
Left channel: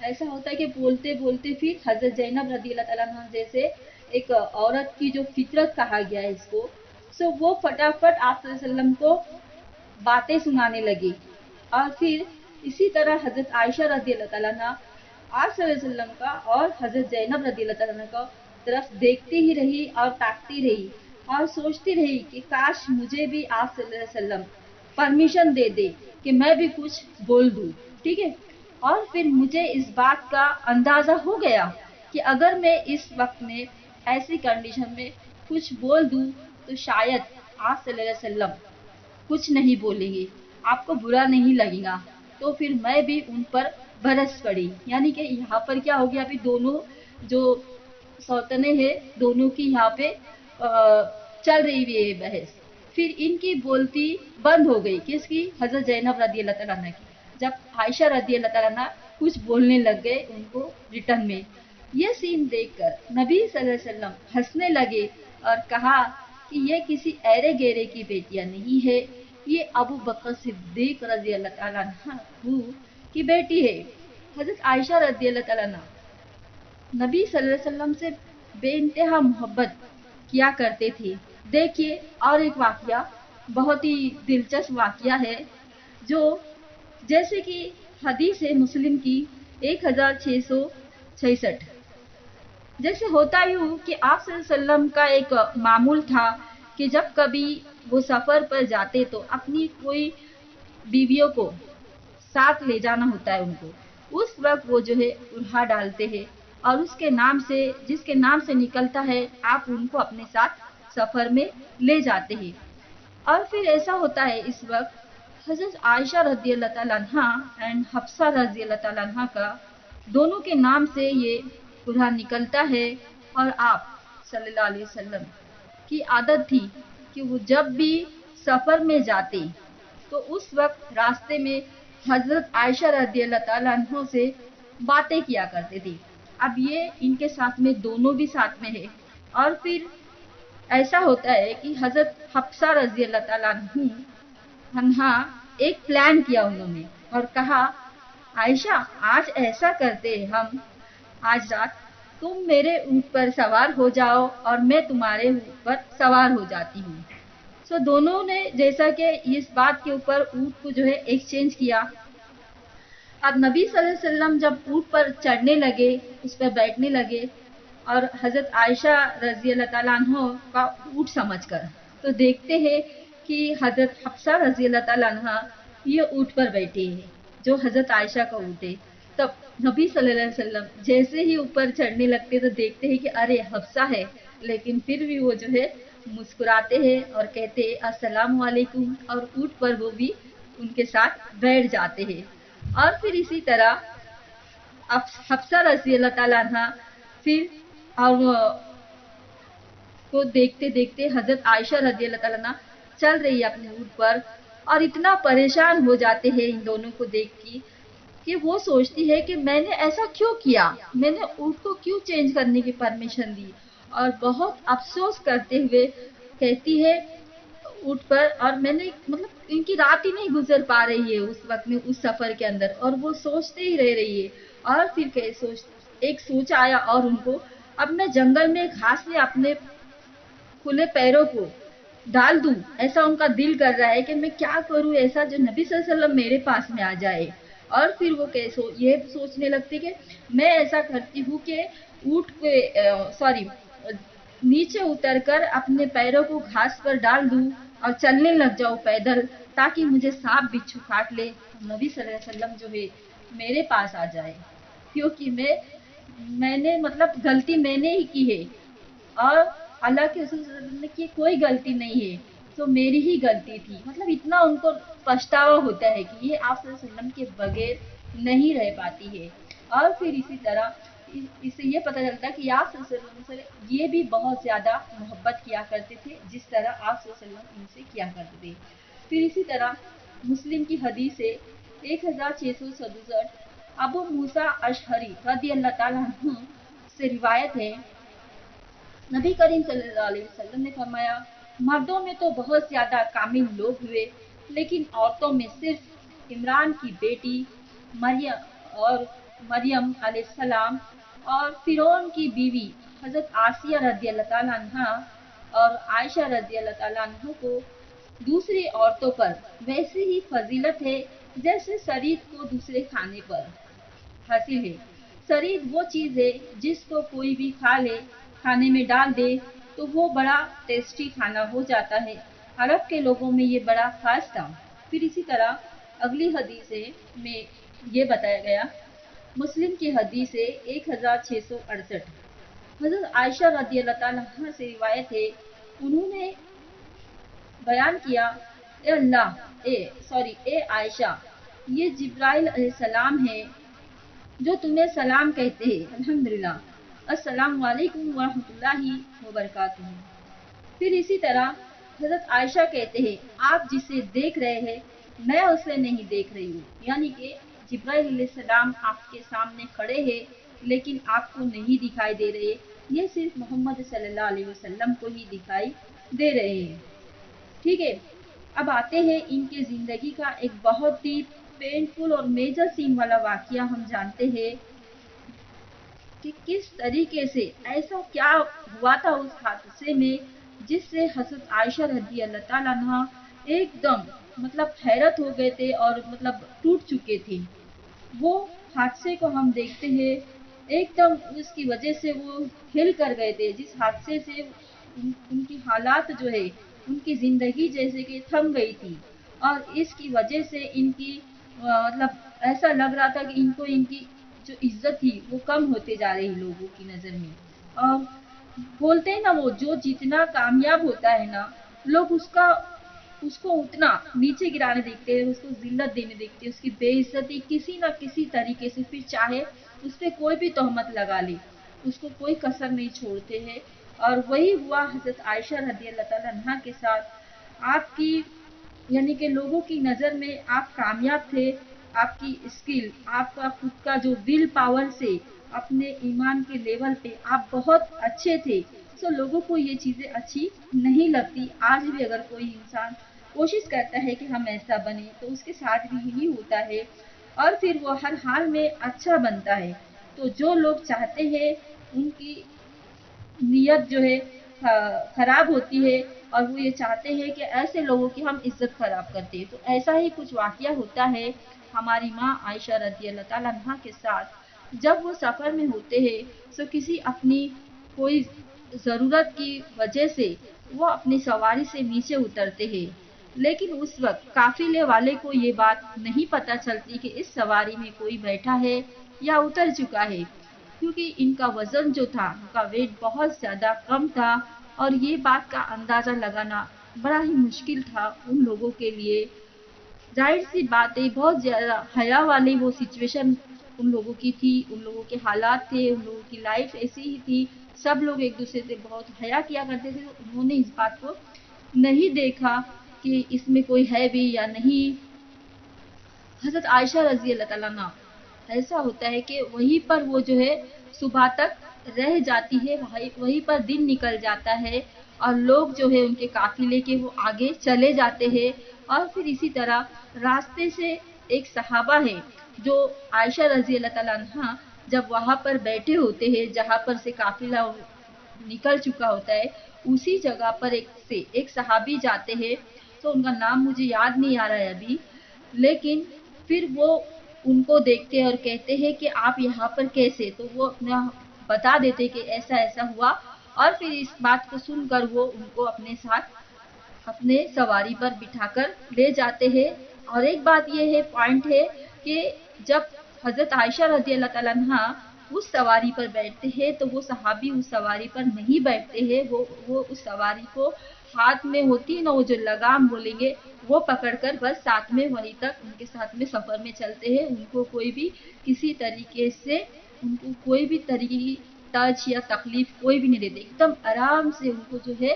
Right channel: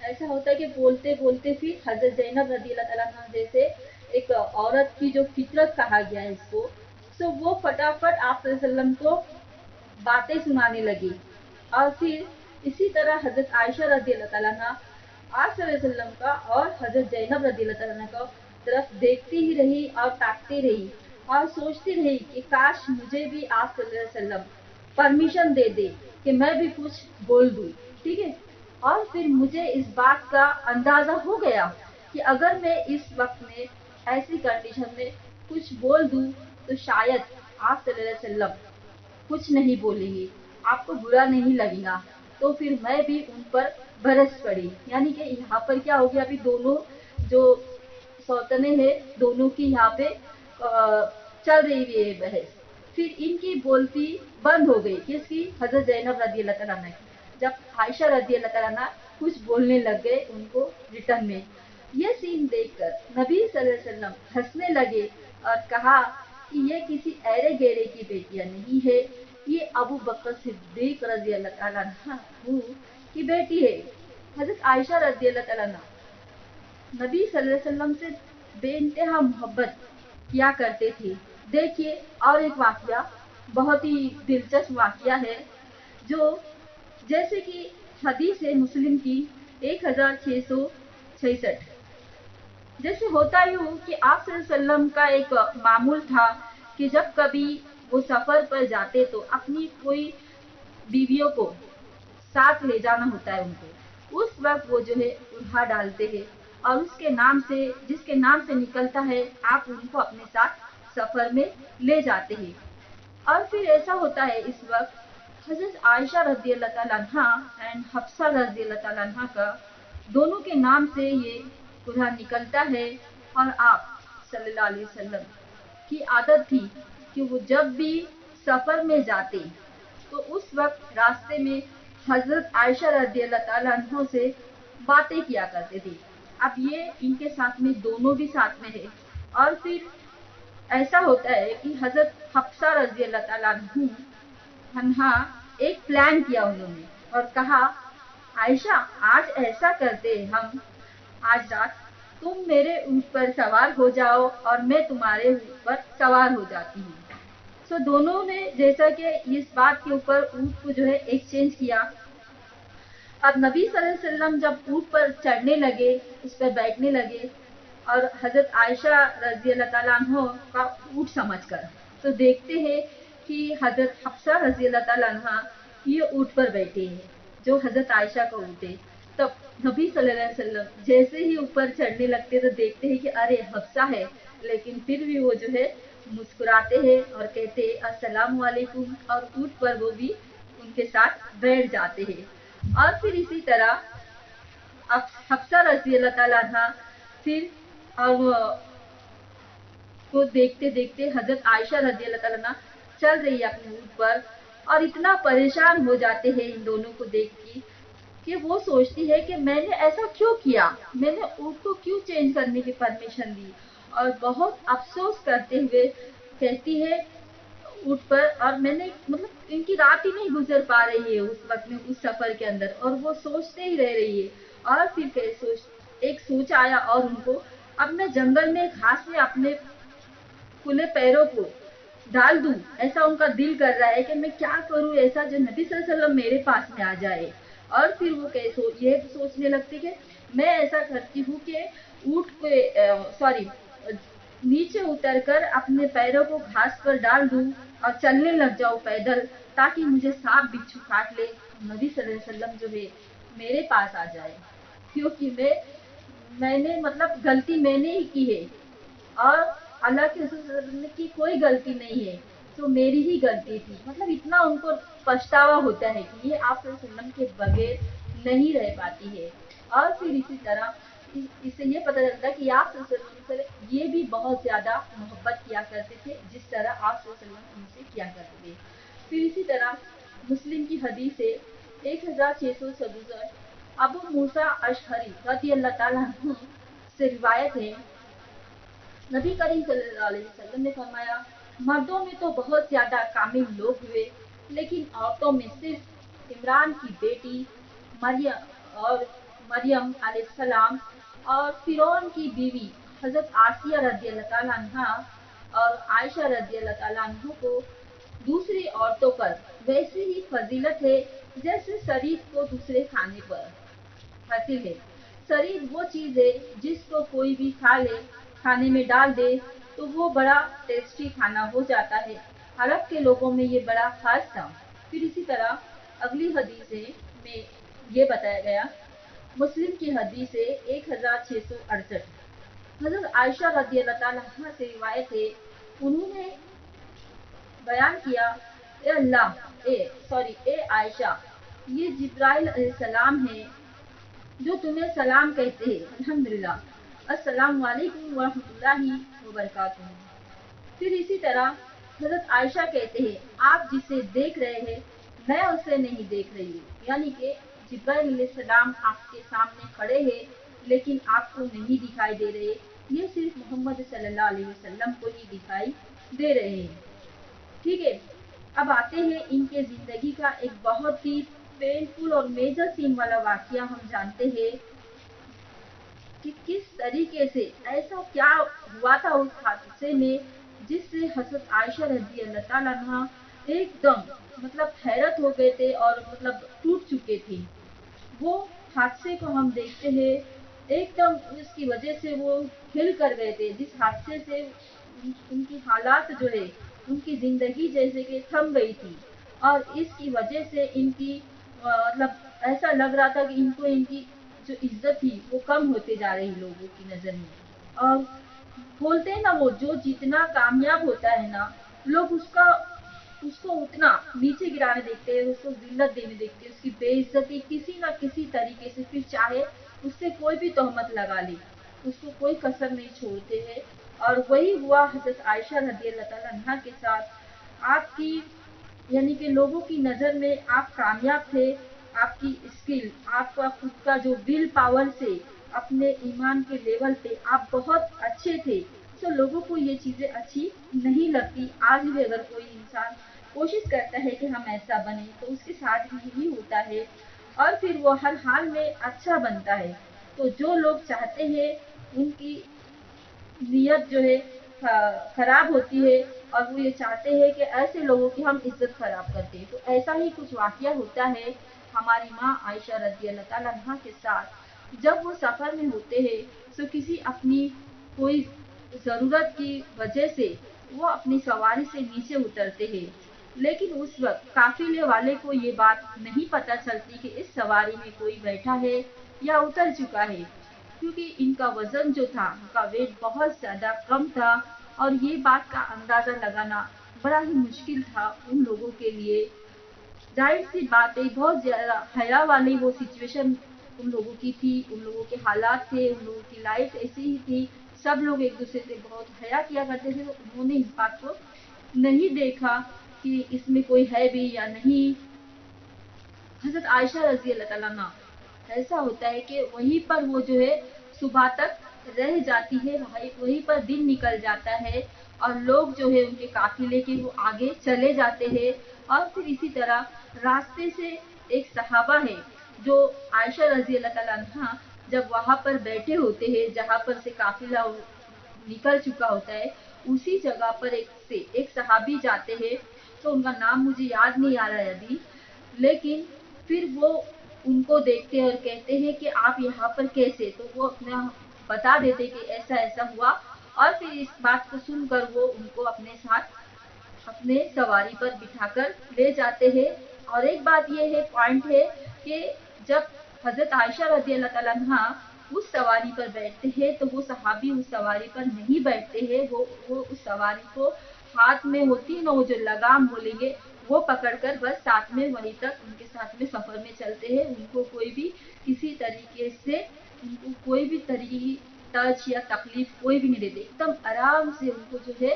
ایسا ہوتا ہے کہ بولتے بولتے پھر حضرت زینب رضی اللہ تعالیٰ عنہ جیسے ایک عورت کی جو فطرت کہا گیا ہے اس کو، وہ فٹافٹ آپ صلی اللہ علیہ وسلم کو باتیں سنانے لگی اور پھر اسی طرح حضرت عائشہ رضی اللہ تعالیٰ عنہ آپ صلی اللہ علیہ وسلم کا اور حضرت زینب رضی اللہ تعالیٰ عنہ کا طرف دیکھتی ہی رہی اور تاکتی رہی اور سوچتی رہی کہ کاش مجھے بھی آپ صلی اللہ علیہ وسلم پرمیشن دے دے کہ میں بھی کچھ بول دوں. ٹھیک ہے. اور پھر مجھے اس بات کا اندازہ ہو گیا کہ اگر میں اس وقت میں ایسی کنڈیشن میں کچھ بول دوں تو شاید آپ صلی اللہ علیہ وسلم کچھ نہیں بولیں گے, آپ کو برا نہیں لگے گا. تو پھر میں بھی ان پر برس پڑی. یعنی کہ یہاں پر کیا ہو گیا, ابھی دونوں جو سوتنے ہیں دونوں کی یہاں پہ چل رہی ہوئی ہے بحث. پھر ان کی بولتی بند ہو گئی. کس کی؟ حضرت زینب رضی اللہ تعالیٰ عنہ کی. جب عائشہ رضی اللہ تعالیٰ عنہ کچھ بولنے لگ گئے ان کو ریٹرن میں. یہ سین دیکھ کر نبی صلی اللہ علیہ وسلم ہنسنے لگے اور کہا کہ یہ کسی ایرے گیرے کی بیٹیاں نہیں ہے, یہ ابو بکر صدیق رضی اللہ تعالیٰ عنہ کی بیٹی ہے. حضرت عائشہ رضی اللہ تعالیٰ عنہ نبی صلی اللہ علیہ وسلم سے بے انتہا محبت کیا کرتے تھے. دیکھیے اور ایک واقعہ, بہت ہی دلچسپ واقعہ ہے, جو جیسے کہ حدیث ہے مسلم کی 1666. جیسے ہوتا یوں کہ آپ صلی اللہ علیہ وسلم کا ایک معمول تھا کہ جب کبھی وہ سفر پر جاتے تو اپنی کوئی بیویوں کو ساتھ لے جانا ہوتا ہے ان کو. اس وقت وہ جو ہے اڑھا ڈالتے ہیں اور اس کے نام سے, جس کے نام سے نکلتا ہے, آپ ان کو اپنے ساتھ سفر میں لے جاتے ہیں. اور پھر ایسا ہوتا ہے اس وقت حضرت عائشہ رضی اللہ تعالیٰ عنہ اینڈ حفصہ رضی اللہ تعالیٰ عنہ کا دونوں کے نام سے یہ اڑھا نکلتا ہے. اور آپ صلی اللہ علیہ وسلم کی عادت تھی کہ وہ جب بھی سفر میں جاتے تو اس وقت راستے میں حضرت عائشہ رضی اللہ تعالیٰ عنہ سے باتیں کیا کرتے تھے. اب یہ ان کے ساتھ میں دونوں بھی ساتھ میں ہے. اور پھر ایسا ہوتا ہے کہ حضرت حفصہ رضی اللہ تعالیٰ عنہ ایک پلان کیا انہوں نے اور کہا عائشہ آج ایسا کرتے ہم, آج رات تم میرے اونٹ پر سوار ہو جاؤ اور میں تمہارے اونٹ پر سوار ہو جاتی ہوں. سو دونوں نے جیسا کہ اس بات کے اوپر اونٹ کو جو ہے ایکسچینج کیا. اب نبی صلی اللہ علیہ وسلم جب اونٹ پر چڑھنے لگے, اس پر بیٹھنے لگے, اور حضرت عائشہ رضی اللہ تعالیٰ عنہ کا اونٹ سمجھ کر, تو دیکھتے ہیں کہ حضرت حفصہ رضی اللہ تعالیٰ عنہ یہ اونٹ پر بیٹھے ہیں جو حضرت عائشہ کا اونٹ ہے. تب نبی صلی اللہ علیہ وسلم جیسے ہی اوپر چڑھنے لگتے تو دیکھتے ہیں کہ ارے حفصہ ہے, لیکن پھر بھی وہ جو ہے مسکراتے ہیں اور کہتے ہیں السلام علیکم, اور اونٹ پر وہ بھی ان کے ساتھ بیٹھ جاتے ہیں. اور پھر اسی طرح حفصہ رضی اللہ تعالیٰ عنہ پھر اور کو دیکھتے دیکھتے حضرت عائشہ رضی اللہ تعالیٰ عنہ چل رہی ہے اپنے اونٹ پر, اور اتنا پریشان ہو جاتے ہیں ان دونوں کو دیکھ کے کہ وہ سوچتی ہے کہ میں نے ایسا کیوں کیا, میں نے اونٹ کو کیوں چینج کرنے کی پرمیشن دی, اور بہت افسوس کرتے ہوئے کہتی ہے اونٹ پر, اور میں نے مطلب ان کی رات ہی نہیں گزر پا رہی ہے اس وقت میں اس سفر کے اندر, اور وہ سوچتے ہی رہ رہی ہے. اور پھر ایک سوچ آیا اور ان کو اب میں جنگل میں گھاس میں اپنے کھلے پیروں کو ڈال دوں, ایسا ان کا دل کر رہا ہے کہ میں کیا کروں ایسا جو نبی صلی اللہ علیہ وسلم میرے پاس میں آ جائے. اور پھر وہ یہ سوچنے لگتی کہ میں ایسا کرتی ہوں کہ اونٹ کو نیچے اتر کر اپنے پیروں کو گھاس پر ڈال دوں اور چلنے لگ جاؤ پیدل, تاکہ مجھے سانپ بچھو کاٹ لے, نبی صلی اللہ علیہ وسلم جو ہے میرے پاس آ جائے, کیونکہ میں نے مطلب غلطی میں نے ہی کی ہے, اور اللہ کے رسول صلی اللہ علیہ وسلم کی کوئی غلطی نہیں ہے, تو میری ہی غلطی تھی. مطلب اتنا ان کو پچھتاوا ہوتا ہے کہ یہ آپ صلی اللہ علیہ وسلم کے بغیر نہیں رہ پاتی ہے. اور پھر اسی طرح اس سے یہ پتہ چلتا ہے کہ آپ صلی اللہ علیہ وسلم سے یہ بھی بہت زیادہ محبت کیا کرتے تھے جس طرح آپ صلی اللہ علیہ وسلم ان سے کیا کرتے تھے. پھر اسی طرح مسلم کی حدیث ہے 1667, ابو موسیٰ اشعری رضی اللہ تعالیٰ عنہ سے روایت ہے, نبی کریم صلی اللہ علیہ وسلم نے فرمایا مردوں میں تو بہت زیادہ کامل لوگ ہوئے, لیکن عورتوں میں صرف عمران کی بیٹی مریم علیہ السلام اور فرعون کی بیوی حضرت آسیہ رضی اللہ تعالیٰ عنہ اور عائشہ رضی اللہ تعالیٰ عنہ کو दूसरी औरतों पर वैसी ही फजीलत है जैसे शरीर को दूसरे खाने पर हासिल है। शरीर वो चीज है जिसको कोई भी खा ले, खाने में डाल दे तो वो बड़ा टेस्टी खाना हो जाता है। अरब के लोगों में ये बड़ा खास था। फिर इसी तरह अगली हदीस में ये बताया गया, मुस्लिम की हदीस है 1668। हजरत आयशा रदी अल्लाह तआला से रिवायत है, उन्होंने बयान किया, ए अल्लाह ए आयशा, ये जिब्राइल अलैहिस्सलाम है जो तुम्हें सलाम कहते हैं। अल्हम्दुलिल्लाह, अस्सलाम वालेकुम व रहमतुल्लाहि व बरकातुहू। फिर इसी तरह हजरत आयशा कहते हैं, आप जिसे देख रहे हैं मैं उसे नहीं देख रही हूँ, यानी कि जिब्राइल अलैहिस्सलाम आपके सामने खड़े हैं लेकिन आपको नहीं दिखाई दे रहे, ये सिर्फ मोहम्मद सल्लल्लाहु अलैहि वसल्लम को ही दिखाई दे रहे हैं। ठीक है, अब आते हैं इनके जिंदगी का एक बहुत ही पेनफुल और मेजर सीन वाला वाकया। हम जानते हैं कि किस तरीके से ऐसा क्या हुआ था उस हादसे में जिससे हजरत आयशा रदी अल्लाह ताला अन्हा एकदम मतलब हैरत हो गए थे और मतलब टूट चुके थे। वो हादसे को हम देखते हैं, एकदम उसकी वजह से वो हिल कर गए थे, जिस हादसे से उनकी हालात जो है, उनकी जिंदगी जैसे कि थम गई थी और इसकी वजह से इनकी मतलब ऐसा लग रहा था कि इनको इनकी जो इज्जत थी वो कम होते जा रही लोगों की नजर में। और बोलते हैं ना, वो जो जितना कामयाब होता है ना, लोग उसको उतना नीचे गिराने देखते हैं, उसको जिल्लत देने देखते हैं, उसकी बेइज्जती किसी न किसी तरीके से, फिर चाहे उस पे कोई भी तोहमत लगा ले, उसको कोई कसर नहीं छोड़ते हैं। और वही हुआ हजरत आयशा रदी अल्लाह ताला अन्हा के साथ। आपकी यानी कि लोगों की नज़र में आप कामयाब थे, आपकी स्किल, आपका खुद का जो विल पावर से अपने ईमान के लेवल पे आप बहुत अच्छे थे। सो लोगों को ये चीज़ें अच्छी नहीं लगती। आज भी अगर कोई इंसान कोशिश करता है कि हम ऐसा बने तो उसके साथ भी यही होता है और फिर वो हर हाल में अच्छा बनता है। तो जो लोग चाहते हैं उनकी नीयत जो है खराब होती है और वो ये चाहते हैं कि ऐसे लोगों की हम इज्जत खराब करते हैं। तो ऐसा ही कुछ वाकया होता है हमारी माँ आयशा रदी अल्लाह ताला अन्हा के साथ। जब वो सफ़र में होते हैं तो किसी अपनी कोई ज़रूरत की वजह से वो अपनी सवारी से नीचे उतरते हैं, लेकिन उस वक्त काफिले वाले को ये बात नहीं पता चलती कि इस सवारी में कोई बैठा है या उतर चुका है, क्योंकि इनका वजन जो था, उनका वेट बहुत ज्यादा कम था और ये बात का अंदाजा लगाना बड़ा ही मुश्किल था उन लोगों के लिए। जाहिर सी बात है, बहुत ज्यादा हया वाली वो सिचुएशन उन लोगों की थी, उन लोगों के हालात थे, उन लोगों की लाइफ ऐसी ही थी। सब लोग एक दूसरे से बहुत हया किया करते थे, तो उन्होंने इस बात को नहीं देखा कि इसमें कोई है भी या नहीं। हजरत आयशा रजी अल्लाह ताला अन्हा, ऐसा होता है कि वहीं पर वो जो है सुबह तक रह जाती है, वहीं पर दिन निकल जाता है और लोग जो है उनके काफिले के वो आगे चले जाते हैं। और फिर इसी तरह रास्ते से एक सहाबा है जो आयशा रजी अल्लाह ताला अन्हा जब वहां पर बैठे होते हैं जहां पर से काफिला निकल चुका होता है, उसी जगह पर एक सहाबी जाते हैं। तो उनका नाम मुझे याद नहीं आ रहा है अभी, लेकिन फिर वो उनको देखते हैं और कहते हैं कि आप यहाँ पर कैसे, तो वो अपना बता देते कि ऐसा ऐसा हुआ। और फिर इस बात को सुनकर वो उनको अपने साथ अपने सवारी पर बिठाकर ले जाते हैं। और एक बात ये है, पॉइंट है कि जब हजरत आयशा रजी अल्लाह ताला अन्हा उस सवारी पर बैठते हैं तो वो सहाबी उस सवारी पर नहीं बैठते हैं, वो उस सवारी को हाथ में होती है ना वो जो लगाम बोलेंगे, वो पकड़कर बस साथ में वहीं तक उनके साथ में सफर में चलते हैं। उनको कोई भी किसी तरीके से उनको कोई भी तरीके की टच या तकलीफ कोई भी नहीं देते, एकदम आराम से उनको जो है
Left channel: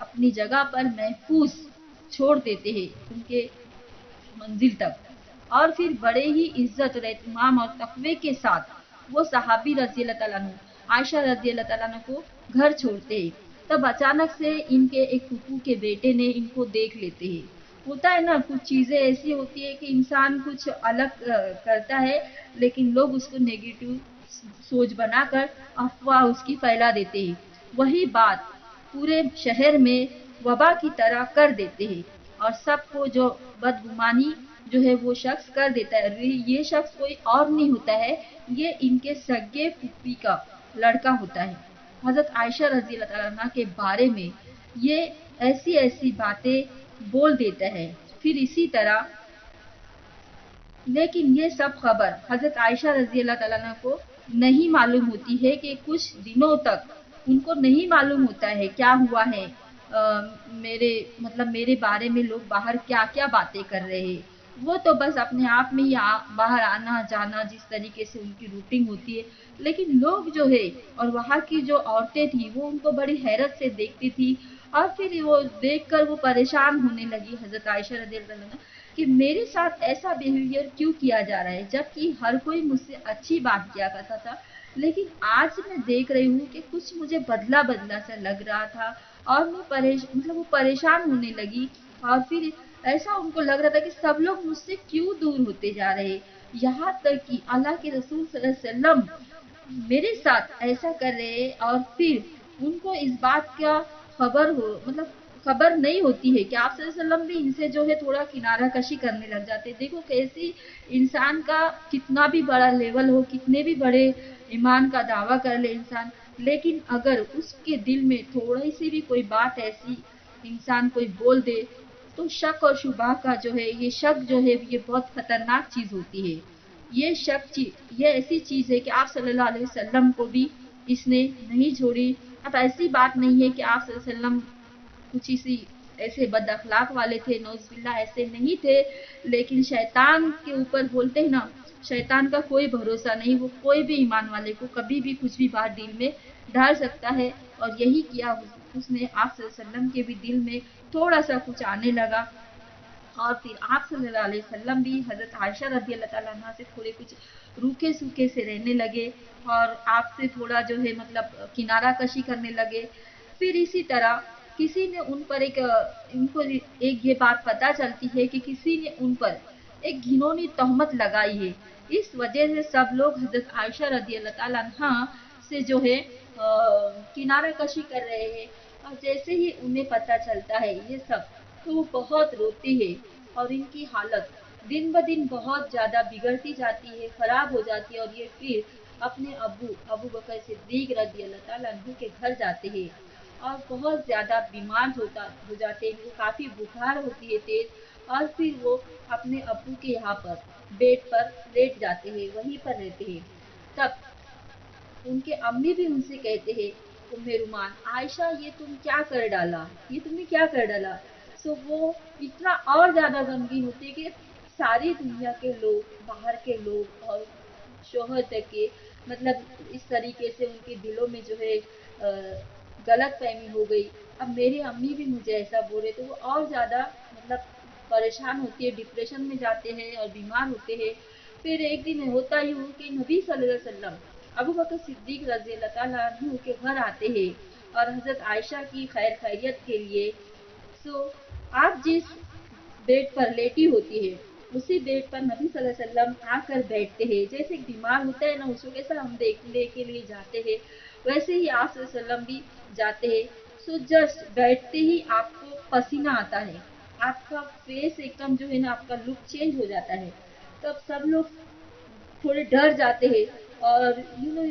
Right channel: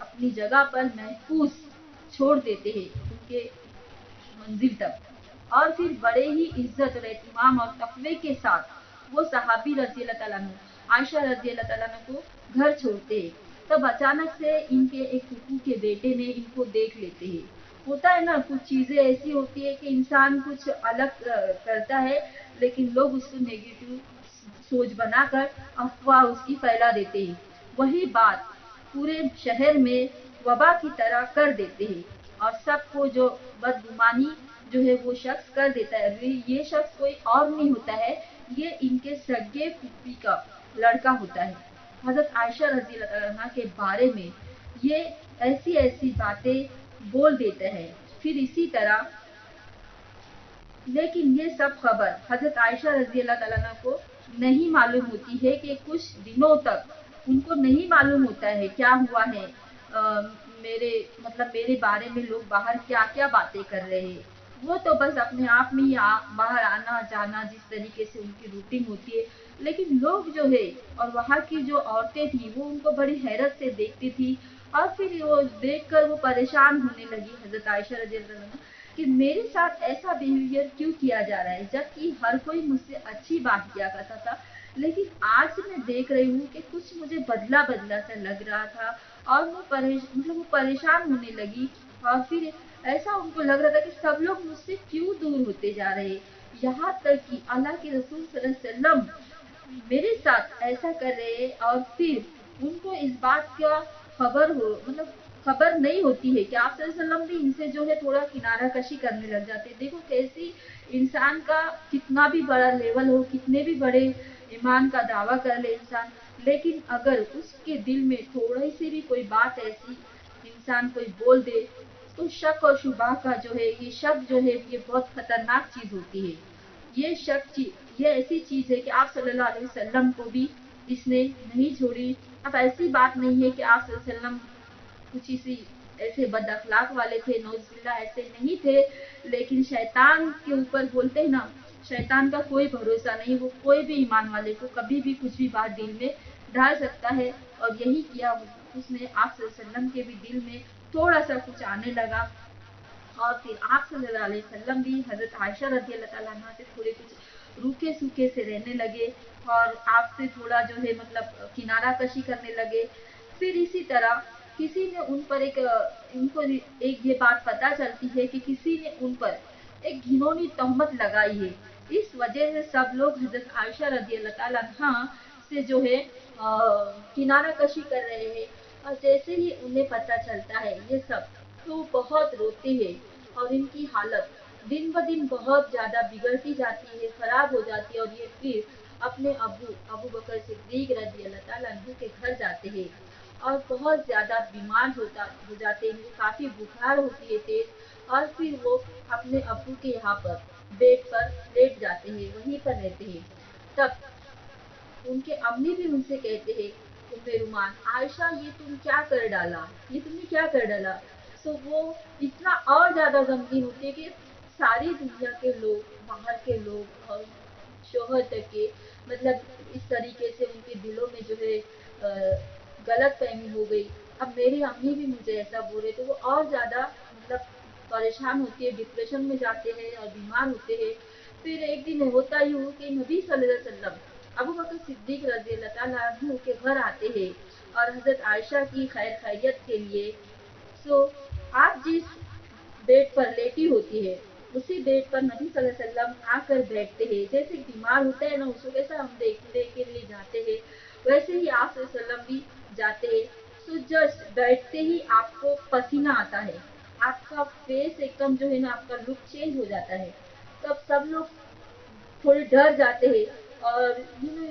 अपनी जगह पर महफूज छोड़ देते हैं उनके मंजिल तक। और फिर बड़े ही इज्जत और एहतमाम और तकवे के साथ वो सहाबी रजी अल्लाह तआला अन्हु आयशा रजी अल्लाह तआला अन्हा को घर छोड़ते हैं। तब अचानक से इनके एक फूफू के बेटे ने इनको देख लेते हैं। होता है ना, कुछ चीजें ऐसी होती है कि इंसान कुछ अलग करता है लेकिन लोग उसको नेगेटिव सोच बनाकर अफवाह उसकी फैला देते हैं। वही बात पूरे शहर में वबा की तरह कर देते हैं। اور سب کو جو بدگुमानी जो है वो शख्स कर देता है। ये शख्स कोई और नहीं होता है, ये इनके सगे फूफी का लड़का होता है। हजरत आयशा रजी अल्लाह अन्हा के बारे में ये ऐसी ऐसी बातें बोल देता है। फिर इसी तरह, लेकिन ये सब खबर हजरत आयशा रजी अल्लाह अन्हा को नहीं मालूम होती है कि कुछ दिनों तक उनको नहीं मालूम होता है क्या हुआ है। मेरे मतलब मेरे बारे में लोग बाहर क्या क्या बातें कर रहे हैं। वो तो बस अपने आप में ही बाहर आना जाना जिस तरीके से उनकी रूटीन होती है, लेकिन लोग जो है और वहाँ की जो औरतें थी वो उनको बड़ी हैरत से देखती थी। और फिर वो देखकर वो परेशान होने लगी हजरत आयशा रजी अल्लाह अन्हा कि मेरे साथ ऐसा बिहेवियर क्यों किया जा रहा है, जबकि हर कोई मुझसे अच्छी बात किया करता था। लेकिन आज मैं देख रही हूँ कि कुछ मुझे बदला बदला सा लग रहा था और मैं मतलब वो परेशान होने लगी। और फिर ऐसा उनको लग रहा था कि सब लोग मुझसे क्यों दूर होते जा रहे, यहाँ तक कि अल्लाह के रसूल सल्लल्लाहु अलैहि वसल्लम मेरे साथ ऐसा कर रहे हैं। और फिर उनको इस बात का खबर हो मतलब खबर नहीं होती है कि आप सल्लल्लाहु अलैहि वसल्लम भी इनसे जो है थोड़ा किनारा कशी करने लग जाते हैं। देखो कैसी इंसान का कितना भी बड़ा लेवल हो, कितने भी बड़े ईमान का दावा कर ले इंसान, लेकिन अगर उसके दिल में थोड़ी सी भी कोई बात ऐसी इंसान कोई बोल दे तो शक और शुबा का जो है ये शक जो है ये बहुत खतरनाक चीज होती है। ये शक ये ऐसी चीज है कि आप सल्लल्लाहु अलैहि वसल्लम को भी इसने नहीं छोड़ी। अब ऐसी बात नहीं है कि आप सल्लल्लाहु अलैहि वसल्लम कुछ इसी ऐसे बद अखलाक वाले थे, नौजुबिल्ला ऐसे नहीं थे, लेकिन शैतान के ऊपर बोलते हैं ना, शैतान का कोई भरोसा नहीं, वो कोई भी ईमान वाले को कभी भी कुछ भी बात दिल में डाल सकता है। और यही किया उसने आप सल्लल्लाहु अलैहि वसल्लम के भी दिल में थोड़ा सा कुछ आने लगा। और फिर आप सल्लल्लाहु अलैहि वसल्लम भी हजरत आयशा रदी अल्लाह ताला अन्हा से थोड़े कुछ रूखे सूखे से रहने लगे और आपसे थोड़ा जो है मतलब किनारा कशी करने लगे। फिर इसी तरह किसी ने उन पर इनको एक ये बात पता चलती है कि किसी ने उन पर एक घिनौनी तहमत लगाई है। इस वजह से सब लोग हजरत आयशा रदी अल्लाह ताला अन्हा से जो है किनारा कशी कर रहे हैं। और जैसे ही उन्हें पता चलता है ये सब, तो वो बहुत रोते हैं और इनकी हालत दिन ब दिन बहुत ज्यादा बिगड़ती जाती है, खराब हो जाती है। और ये फिर अपने अबू अबू बकर सिद्दीक रदी अल्लाह ताला अन्हु के घर जाते हैं और बहुत ज्यादा बीमार हो जाते हैं, इनको काफी बुखार होती है तेज। और फिर वो अपने अबू के यहाँ पर बेड पर लेट जाते हैं, वहीं पर रहते हैं। तब उनके अम्मी भी उनसे कहते हैं, उम्मे रुमान आयशा ये तुम क्या कर डाला, ये तुमने क्या कर डाला। सो वो इतना और ज्यादा गमगीन होती है कि सारी दुनिया के लोग, बाहर के लोग और शोहर तक के मतलब इस तरीके से उनके दिलों में जो है गलत फहमी हो गई। अब मेरी अम्मी भी मुझे ऐसा बोले तो वो और ज्यादा मतलब परेशान होती है, डिप्रेशन में जाते हैं और बीमार होते हैं। फिर एक दिन होता ही हो कि नबी सल्लल्लाहु अलैहि वसल्लम अबू बकर सिद्दीक रजी अल्लाह ताला अन्हु के घर आते हैं और हजरत आयशा की खैर खैरियत के लिए। सो आप जिस बेड पर लेटी होती है उसी बेड पर नबी सल्लल्लाहु अलैहि वसल्लम आकर बैठते हैं। जैसे एक बीमार होता है ना उसको कैसा हम देखने के लिए जाते हैं, वैसे ही आप सल्लल्लाहु अलैहि वसल्लम भी जाते हैं। सो जस्ट बैठते ही आपको पसीना आता है, आपका फेस एकदम जो है ना आपका लुक चेंज हो जाता है। तो अब सब लोग थोड़े डर जाते हैं और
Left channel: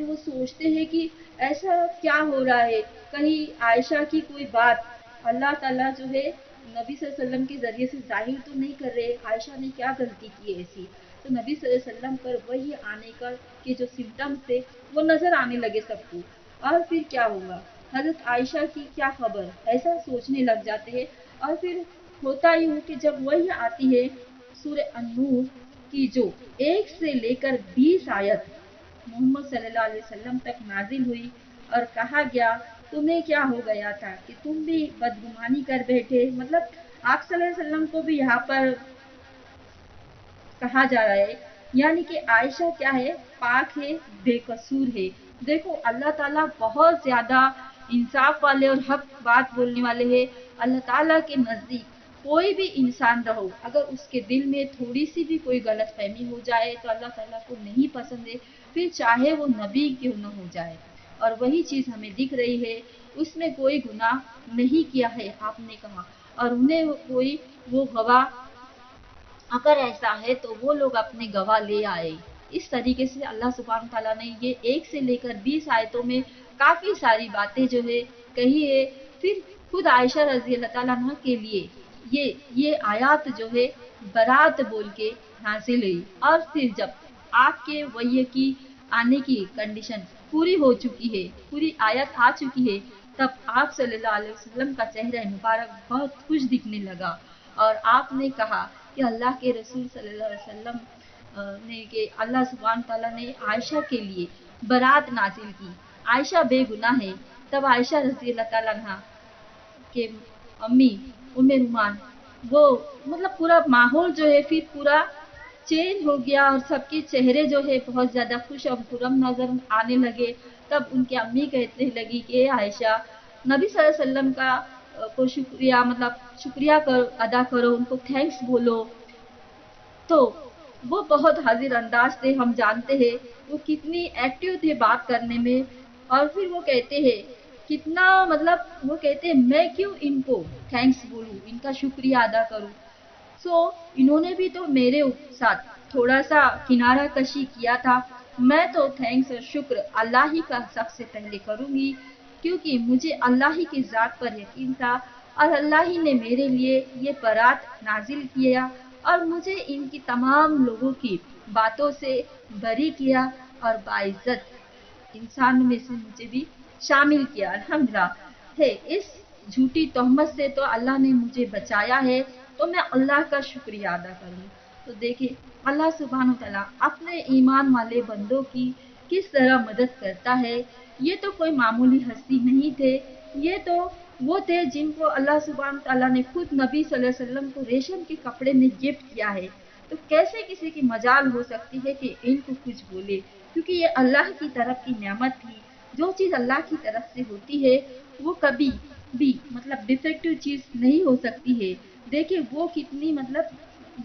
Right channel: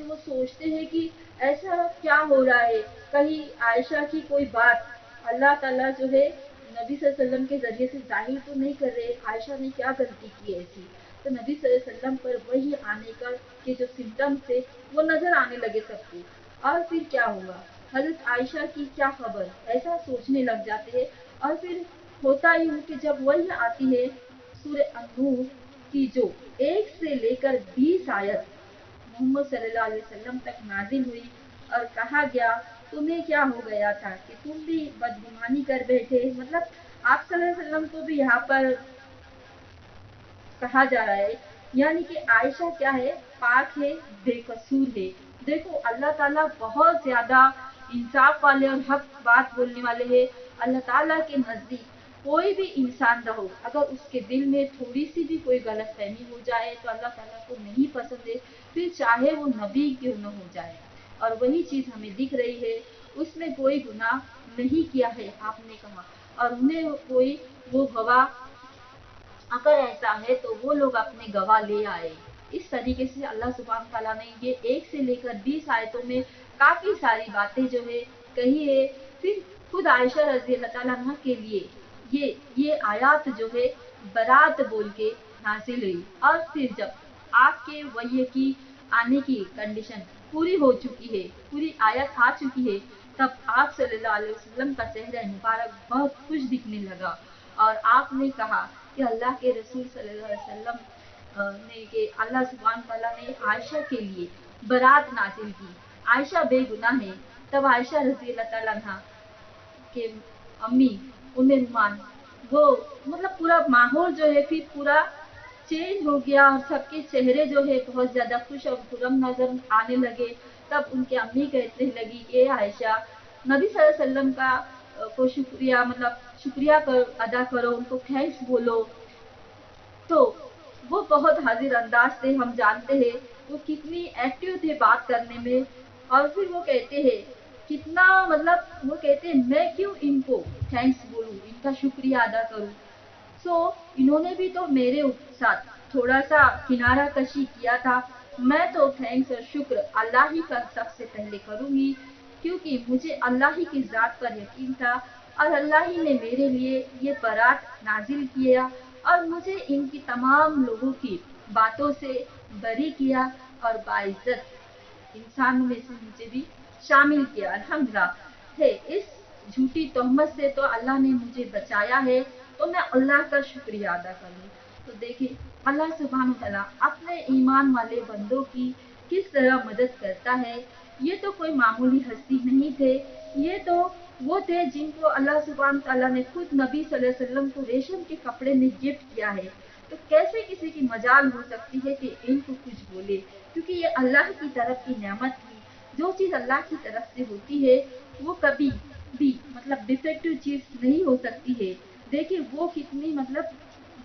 वो सोचते हैं कि ऐसा क्या हो रहा है, कहीं आयशा की कोई बात अल्लाह ताला जो है नबी सल्लल्लाहु अलैहि वसल्लम के जरिए से जाहिर तो नहीं कर रहे, आयशा ने क्या गलती की है ऐसी। तो नबी सल्लल्लाहु अलैहि वसल्लम पर वही आने का के जो सिम्टम्स थे वो नजर आने लगे सबको। और फिर क्या होगा, हजरत आयशा की क्या खबर, ऐसा सोचने लग जाते हैं। और फिर होता ही हो कि जब वही आती है सूर्य अन्नूर की जो 1 से लेकर 20 आयत मोहम्मद सल्लल्लाहु अलैहि वसल्लम तक नाजिल हुई और कहा गया तुम्हें क्या हो गया था कि तुम भी बदगुमानी कर बैठे। मतलब आप सल्लल्लाहु अलैहि वसल्लम को भी यहाँ पर कहा जा रहा है, यानी कि आयशा क्या है, पाक है, बेकसूर है। देखो अल्लाह ताला बहुत ज्यादा इंसाफ वाले और हक बात बोलने वाले हैं। अल्लाह ताला के नजदीक कोई भी इंसान रहो, अगर उसके दिल में थोड़ी सी भी कोई गलत फहमी हो जाए तो अल्लाह ताला को नहीं पसंद है, फिर चाहे वो नबी क्यों न हो जाए। और वही चीज हमें दिख रही है, उसमें कोई गुनाह नहीं किया है आपने कहा और उन्हें कोई वो गवाह, अगर ऐसा है तो वो लोग अपने गवाह ले आए। इस तरीके से अल्लाह सुब्हान ताला ने ये 1 से लेकर 20 आयतों में काफ़ी सारी बातें जो है कही है। फिर खुद आयशा रज़ी अल्लाह ताला अन्हा के लिए ये आयत जो है बारात बोल के नाज़िल हुई। और फिर जब आपके वही की आने की कंडीशन पूरी हो चुकी है, पूरी आयत आ चुकी है, तब आप सल्लल्लाहु अलैहि वसल्लम का चेहरा मुबारक बहुत खुश दिखने लगा। और आपने कहा कि अल्लाह के रसूल सल्लल्लाहु अलैहि वसल्लम ने कि अल्लाह सुब्हान ताला ने आयशा के लिए बारात नाजिल की। आयशा बेगुनाह है। तब आयशा रज़ी अल्लाह ताला अन्हा के अम्मी उम्मे रुमान, वो मतलब पूरा माहौल जो है फिर पूरा चेंज हो गया और सबके चेहरे जो है बहुत ज़्यादा खुश और खुरम नज़र आने लगे। तब उनकी अम्मी कहने लगी कि आयशा, नबी सल्लल्लाहु अलैहि वसल्लम का को शुक्रिया मतलब शुक्रिया अदा करो, उनको थैंक्स बोलो। तो वो बहुत हाजिर अंदाज थे, हम जानते हैं वो कितनी एक्टिव थे बात करने में। और फिर वो कहते हैं कितना मतलब वो कहते हैं मैं क्यों इनको थैंक्स बोलूँ, इनका शुक्रिया अदा करूँ। इन्होंने भी तो मेरे साथ थोड़ा सा किनारा कशी किया था। मैं तो थैंक्स और शुक्र अल्लाह ही का सबसे पहले करूँगी, क्योंकि मुझे अल्लाह ही की ज़ात पर यकीन था और अल्लाह ही ने मेरे लिए ये बारात नाजिल किया और मुझे इनकी तमाम लोगों की बातों से बरी किया और बाइज्जत इंसान में से मुझे भी शामिल किया। अल्हम्दुलिल्लाह है, इस झूठी तोहमत से तो अल्लाह ने मुझे बचाया है, तो मैं अल्लाह का शुक्रिया अदा करूँ। तो देखिए अल्लाह सुब्हान तआला अपने ईमान वाले बंदों की किस तरह मदद करता है। ये तो कोई मामूली हस्ती नहीं थे, ये तो वो थे जिनको अल्लाह सुब्हान तआला ने खुद नबी सल्लल्लाहु अलैहि वसल्लम को रेशम के कपड़े में गिफ्ट किया है। तो कैसे किसी की मजाल हो सकती है कि इनको कुछ बोले, क्योंकि ये अल्लाह की तरफ की नेमत थी। जो चीज़ अल्लाह की तरफ से होती है वो कभी भी मतलब डिफेक्टिव चीज़ नहीं हो सकती है। देखिए वो कितनी मतलब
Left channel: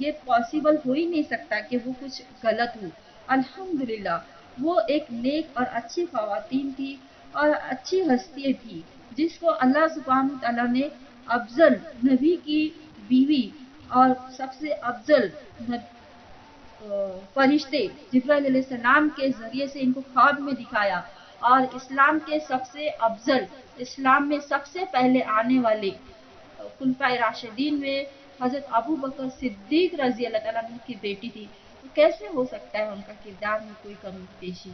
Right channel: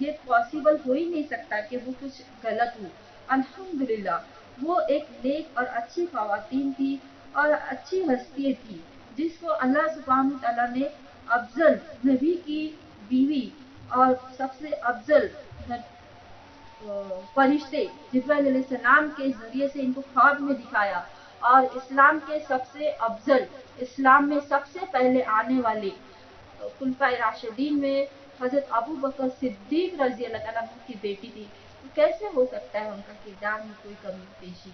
ये पॉसिबल हो ही नहीं सकता कि वो कुछ गलत हो। अल्हम्दुलिल्लाह वो एक नेक और अच्छी ख़वातीन थी और अच्छी हस्ती थी, जिसको अल्लाह सुब्हान तआला ने अफ़ज़ल नबी की बीवी और सबसे अफ़ज़ल फरिश्ते जिब्राइल अलैहिस्सलाम के ज़रिए से इनको ख्वाब में दिखाया। और इस्लाम के सबसे अफ़ज़ल, इस्लाम में सबसे पहले आने वाले खुलफाए राशिदीन में हज़रत अबू बकर सिद्दीक रज़ी अल्लाह ताला अन्हु की बेटी थी। तो कैसे हो सकता है उनका किरदार में कोई कमी पेशी?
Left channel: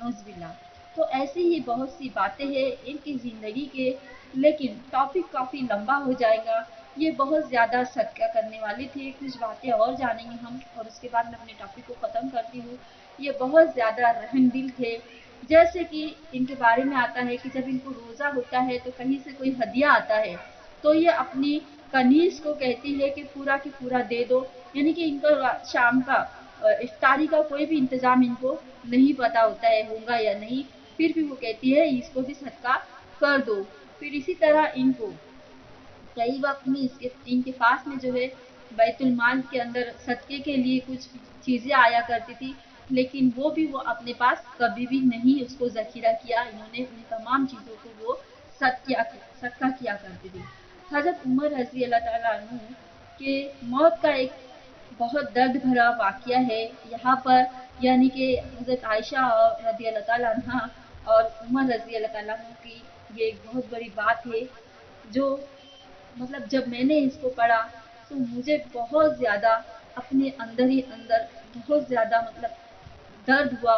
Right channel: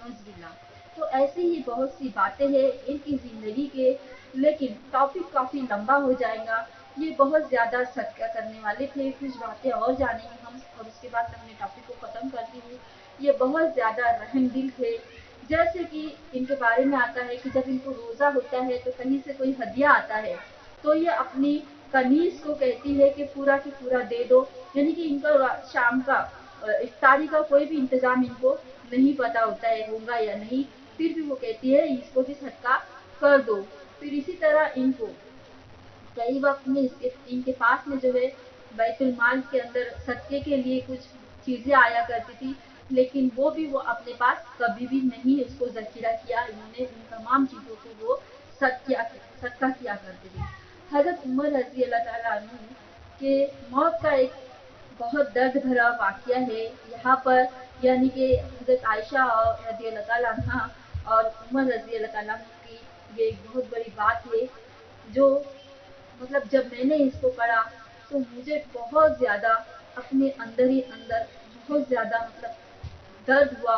नौज़ुबिल्लाह। तो ऐसी ही बहुत सी बातें हैं इनकी ज़िंदगी के, लेकिन टॉपिक काफ़ी लंबा हो जाएगा। ये बहुत ज़्यादा सदका करने वाले थे, कुछ बातें और जानेंगे हम और उसके बाद मैं अपने टॉपिक को ख़त्म करती हूँ। ये बहुत ज़्यादा रहमदिल थे। जैसे कि इनके बारे में आता है कि जब इनको रोज़ा होता है तो कहीं से कोई हदिया आता है, तो ये अपनी कनीज़ को कहती है कि पूरा दे दो, यानी कि इनको शाम का इफ्तारी का कोई भी इंतज़ाम इनको नहीं पता होता है होगा या नहीं, फिर भी वो कहती है इसको भी सदका कर दो। फिर इसी तरह इनको कई वक्त में इनके पास में जो है बैतुल माल के अंदर सदके के लिए कुछ चीज़ें आया करती थी, लेकिन वो भी वो अपने पास कभी भी नहीं उसको ज़खीरा किया। इन्होंने उन तमाम चीज़ों को वो सदका किया करती थी। हज़रत उमर रज़ी अल्लाह ताला अन्हु के मौत का एक बहुत दर्द भरा वाक़या है यहाँ पर, यानी कि हज़रत आयशा रज़ी अल्लाह ताला अन्हा और उमर रज़ी अल्लाह ताला अन्हु की ये एक बहुत बड़ी बात है, जो मतलब जब मैंने इसको पढ़ा तो मुझे बहुत ज़्यादा अपने अंदर ही अंदर बहुत ज़्यादा मतलब दर्द हुआ,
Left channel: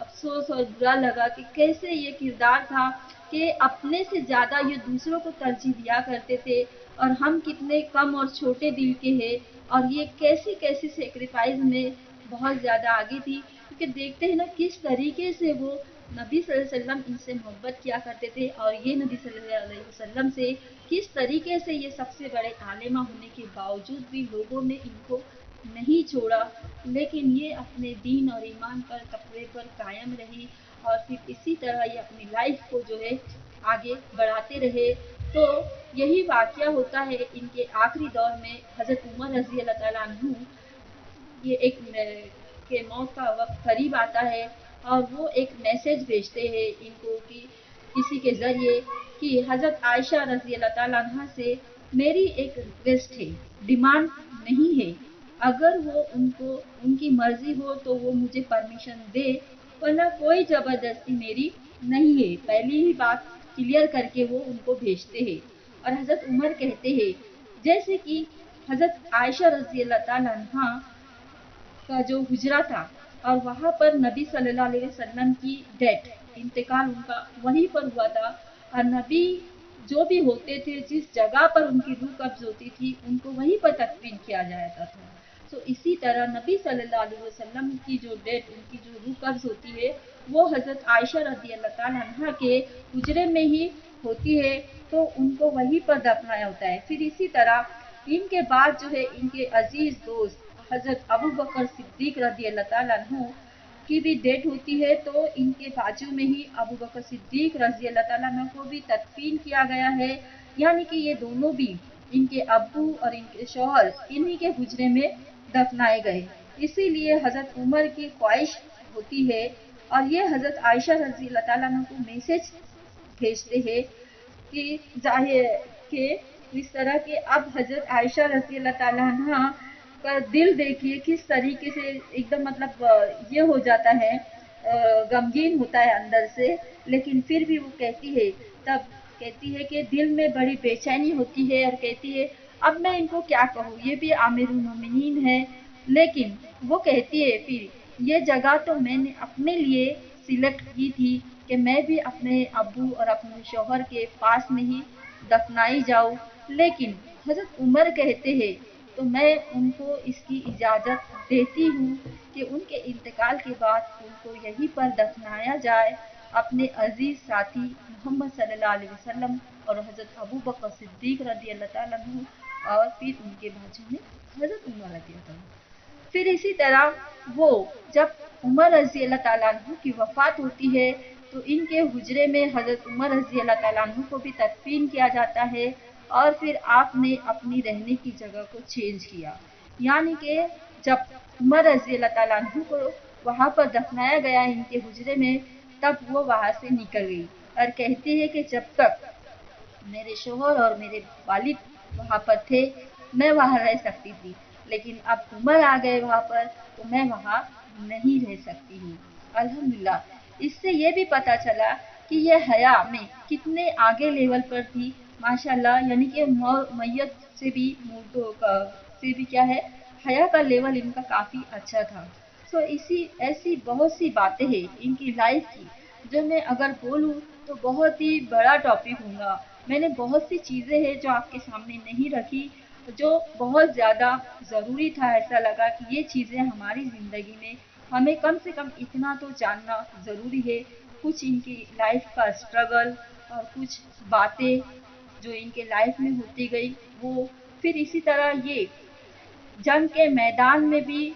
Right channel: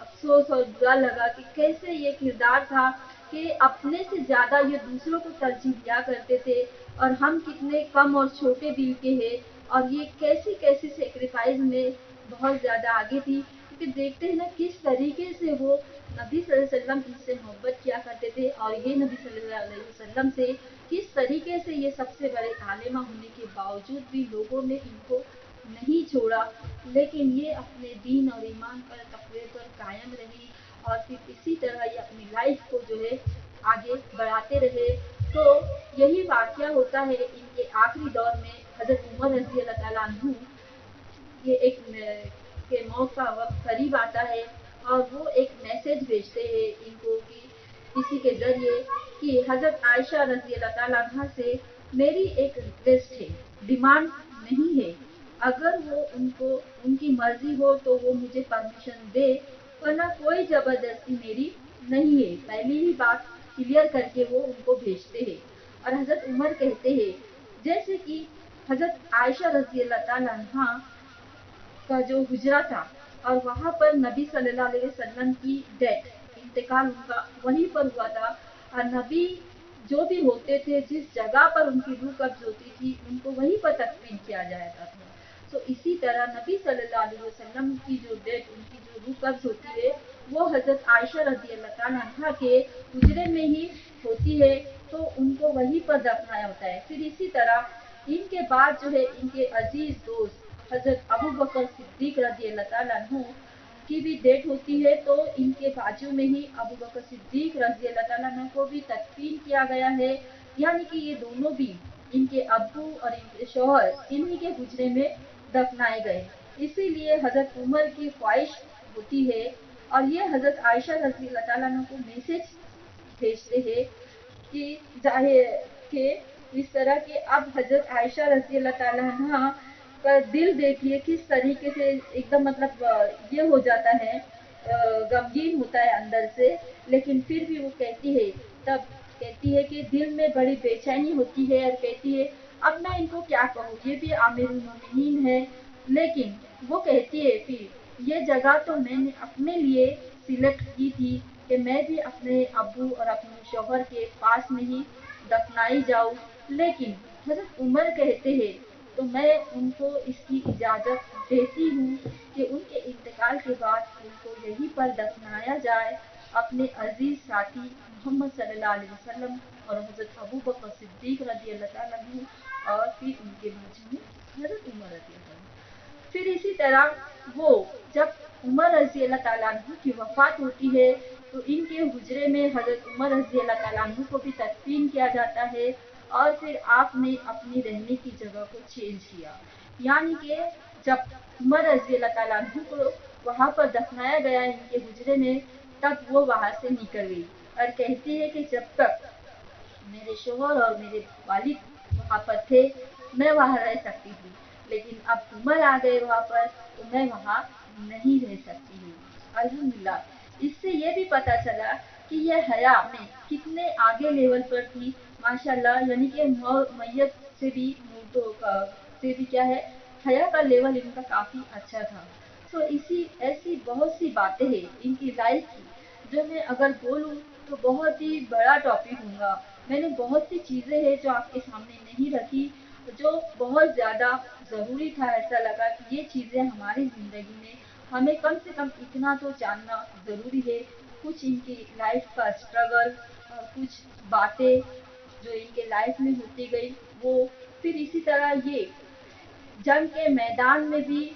अफ़सोस और बुरा लगा कि कैसे ये किरदार था कि अपने से ज़्यादा ये दूसरों को तरजीह दिया करते थे और हम कितने कम और छोटे दिल के हैं और ये कैसी-कैसी सैक्रिफ़ाइस में बहुत ज़्यादा आगे थी। क्योंकि देखते हैं ना किस तरीके से वो नबी सल्लल्लाहु अलैहि वसल्लम इनसे मोहब्बत किया करते थे और ये नबी सल्लल्लाहु अलैहि वसल्लम से किस तरीके से ये सबसे बड़े आलिमा होने के बावजूद भी लोगों ने इनको नहीं छोड़ा, लेकिन ये अपने दीन और ईमान पर तक़वे पर कायम रही और फिर इसी तरह ये अपनी लाइफ को जो है आगे बढ़ाते रहे। तो यही वाक़या होता है इनके आखिरी दौर में हज़रत उमर रज़ी अल्लाह ताला अन्हु ये एक के मौत का वक़्त करीब आता है और वो एक मैसेज भेजते हैं इनको कि किसी के ज़रिए कि हज़रत आयशा रज़ी अल्लाह ताला अन्हा से میری ایک ریکویسٹ ہے، ڈیمانڈ نہیں ہے، اگر وہ ان کی مرضی ہو تو وہ مجھے پرمیشن دے، ورنہ کوئی زبردستی میری نہیں ہے، پہلی ہی بات کلیئر کر کے وہ ان کو بھیجتے ہیں۔ اور حضرت عمر کہتے ہیں جیسے کہ حضرت عائشہ رضی اللہ تعالیٰ عنہ کا جو حجرہ تھا اور وہاں پر نبی صلی اللہ علیہ وسلم کی ڈیتھ، انتقال ان کا وہیں پر ہوا تھا، اور نبی جو بھی ہوتے تھے جس جگہ پر ان کی روح قبض ہوتی تھی ان کو وہیں پر تدفین کیا جاتا تھا۔ تو اسی طرح نبی صلی اللہ علیہ وسلم کی جو ڈیتھ، ان کی جو روح قبض ہوتی ہے وہ حضرت عائشہ رضی اللہ تعالیٰ عنہ کے حجرے میں ہی ہوتی ہے، تو ان کو وہیں پر دفنایا ہوتا ہے۔ پھر اسی طرح ان کے بعد جو ہے ان کے عزیز دوست حضرت ابو بکر صدیق رضی اللہ تعالیٰ عنہ کی بھی ڈیتھ ہوتی ہے، تو ان کے بازو میں ہی ابو بکر صدیق رضی اللہ تعالیٰ عنہ کو بھی تدفین کیا گیا ہے، یعنی کہ یہ دونوں بھی ان کے ابو اور ان کے شوہر انہی کے حجرے میں دفنائے گئے۔ اسی لیے حضرت عمر کی خواہش ہوتی ہے اور یہ حضرت عائشہ رضی اللہ تعالیٰ عنہ کو میسج بھیجتے ہیں کہ ظاہر کہ اس طرح کہ اب حضرت عائشہ رضی اللہ تعالیٰ عنہ کا دل دیکھیے کس طریقے سے ایک دم مطلب یہ ہو جاتا ہے، غمگین ہوتا ہے اندر سے، لیکن پھر بھی وہ کہتی ہے، تب کہتی ہے کہ دل میں بڑی بے چینی ہوتی ہے اور کہتی ہے اب میں ان کو کیا کہوں، یہ بھی امیر المومنین ہے، لیکن وہ کہتی ہے پھر یہ جگہ تو میں نے اپنے لیے سلیکٹ کی تھی کہ میں بھی اپنے ابو اور اپنے شوہر کے پاس میں ہی دفنائی جاؤں، لیکن حضرت عمر کہتے ہیں تو میں ان کو اس کی اجازت دیتی ہوں کہ ان کے انتقال کے بعد ان کو یہیں پر دفنایا جائے اپنے عزیز ساتھی محمد صلی اللہ علیہ وسلم اور حضرت ابو بکر صدیق رضی اللہ تعالیٰ عنہ اور پھر ان کے بازو میں حضرت عمر رضی اللہ تعالیٰ عنہ۔ پھر اسی طرح وہ جب عمر رضی اللہ تعالیٰ عنہ کی وفات ہوتی ہے تو ان کے حجرے میں حضرت عمر رضی اللہ تعالیٰ عنہ کو بھی تدفین کیا جاتا ہے، اور پھر آپ نے اپنی رہنے کی جگہ کو چینج کیا، یعنی کہ جب عمر رضی اللہ تعالیٰ عنہ کو وہاں پر دفنایا گیا ان کے حجرے میں، تب وہ وہاں سے نکل گئی اور کہتی ہے کہ جب تک میرے شوہر اور میرے والد وہاں پر تھے میں وہاں رہ سکتی تھی، لیکن اب عمر آ گئے وہاں پر تو میں وہاں نہیں رہ سکتی ہوں۔ الحمدللہ اس سے یہ بھی پتا چلا کہ یہ حیا میں کتنے آگے لیول پر تھی، ماشاءاللہ، یعنی کہ میت سے بھی مردوں کا سے بھی کیا ہے، حیا کا لیول ان کا کافی اچھا تھا۔ سو ایسی بہت سی باتیں ہیں ان کی لائف کی جو میں اگر بولوں تو بہت ہی بڑا ٹاپک ہوگا۔ میں نے بہت سی چیزیں ہیں جو آپ کے سامنے نہیں رکھی، جو بہت زیادہ ضروری تھا، ایسا لگا کہ یہ چیزیں ہماری زندگی میں ہمیں کم سے کم اتنا تو جاننا ضروری ہے، کچھ ان کی لائف کا اسٹرگل اور کچھ باتیں جو ان کے لائف میں ہوتی گئی وہ، پھر اسی طرح یہ جنگ کے میدان میں بھی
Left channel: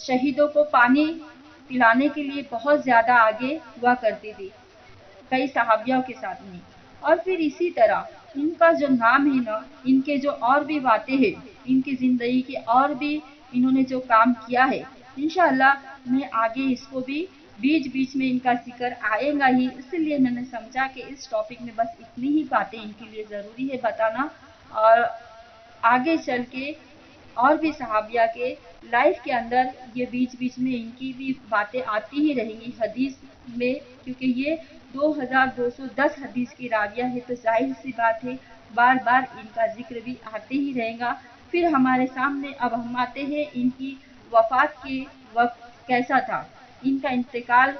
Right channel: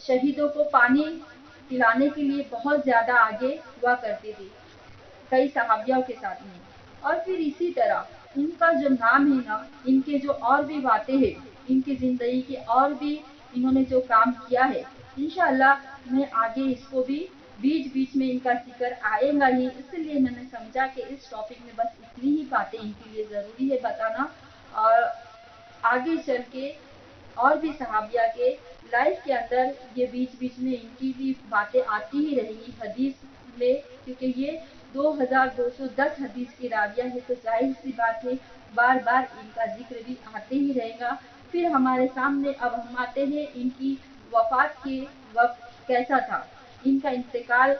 شہیدوں کو پانی پلانے کے لیے بہت زیادہ آگے ہوا کرتی تھی کئی صحابیوں کے ساتھ میں، اور پھر اسی طرح ان کا جو نام ہے نا، ان کے جو اور بھی باتیں ہیں، ان کی زندگی کے اور بھی انہوں نے جو کام کیا ہے، انشاءاللہ میں آگے اس کو بھی بیچ بیچ میں ان کا ذکر آئے گا ہی، اس لیے میں نے سمجھا کہ اس ٹاپک میں بس اتنی ہی باتیں ان کے لیے ضروری ہے بتانا، اور آگے چل کے اور بھی صحابیہ کے لائف کے اندر یہ بیچ بیچ میں ان کی بھی باتیں آتی ہی رہیں گی حدیث میں، کیونکہ یہ 2210 حدیث کی راویہ ہے تو ظاہر سی بات ہے بار بار ان کا ذکر بھی آتے ہی رہے گا۔ پھر ہمارے سامنے اب ہم آتے ہیں ان کی وفات کے وقت کیسا تھا۔ ان کا انتقال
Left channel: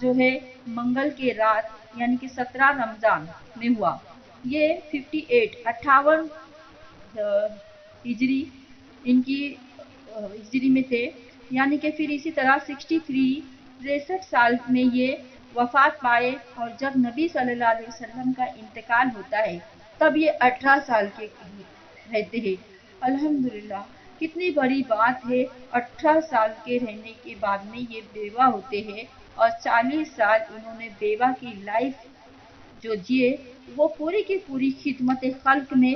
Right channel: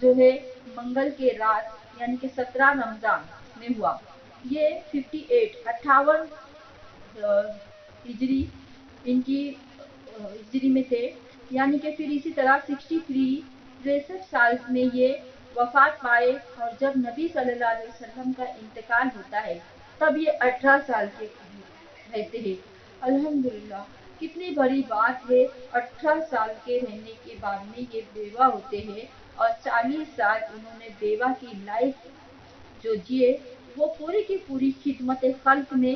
جو ہے منگل کے رات یعنی کہ 17 رمضان میں ہوا، یہ 58 ہجری ان کی ہجری میں تھے، یعنی کہ پھر اسی طرح 63 سال میں یہ وفات پائے، اور جب نبی صلی اللہ علیہ وسلم کا انتقال ہوتا ہے تب یہ 18 سال کے رہتے ہیں۔ الحمدللہ کتنی بڑی بات ہے، 18 سال کے رہنے کے بعد میں یہ بیوہ ہوتے ہیں، اور 40 سال انہوں نے بیوہ کی لائف جو جیے وہ پوری کی پوری خدمت خلق میں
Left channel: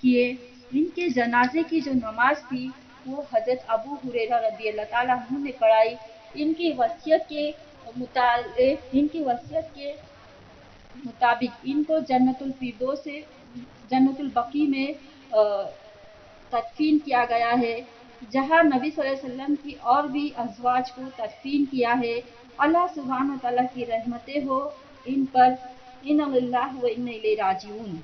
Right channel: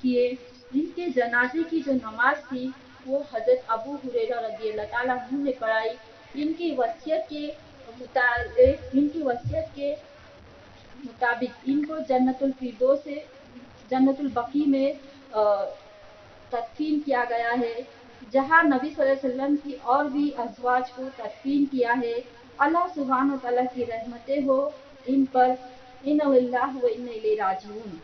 کیے۔ ان کے جنازے کی جو نماز تھی وہ حضرت ابو ہریرہ رضی اللہ تعالیٰ عنہ نے پڑھائی، ان کی وصیت کے مطابق ان کو جنت الفردوس سے जन्नतुल बकी में तदफीन किया गया है, जहाँ नबी सल्लल्लाहु अलैहि वसल्लम की और भी अज़वाज को तदफीन किया है। अल्लाह सुब्हान व तआला की रहमतें हो इन पर। इन्ना लिल्लाहि व इन्ना इलैहि राजिऊन।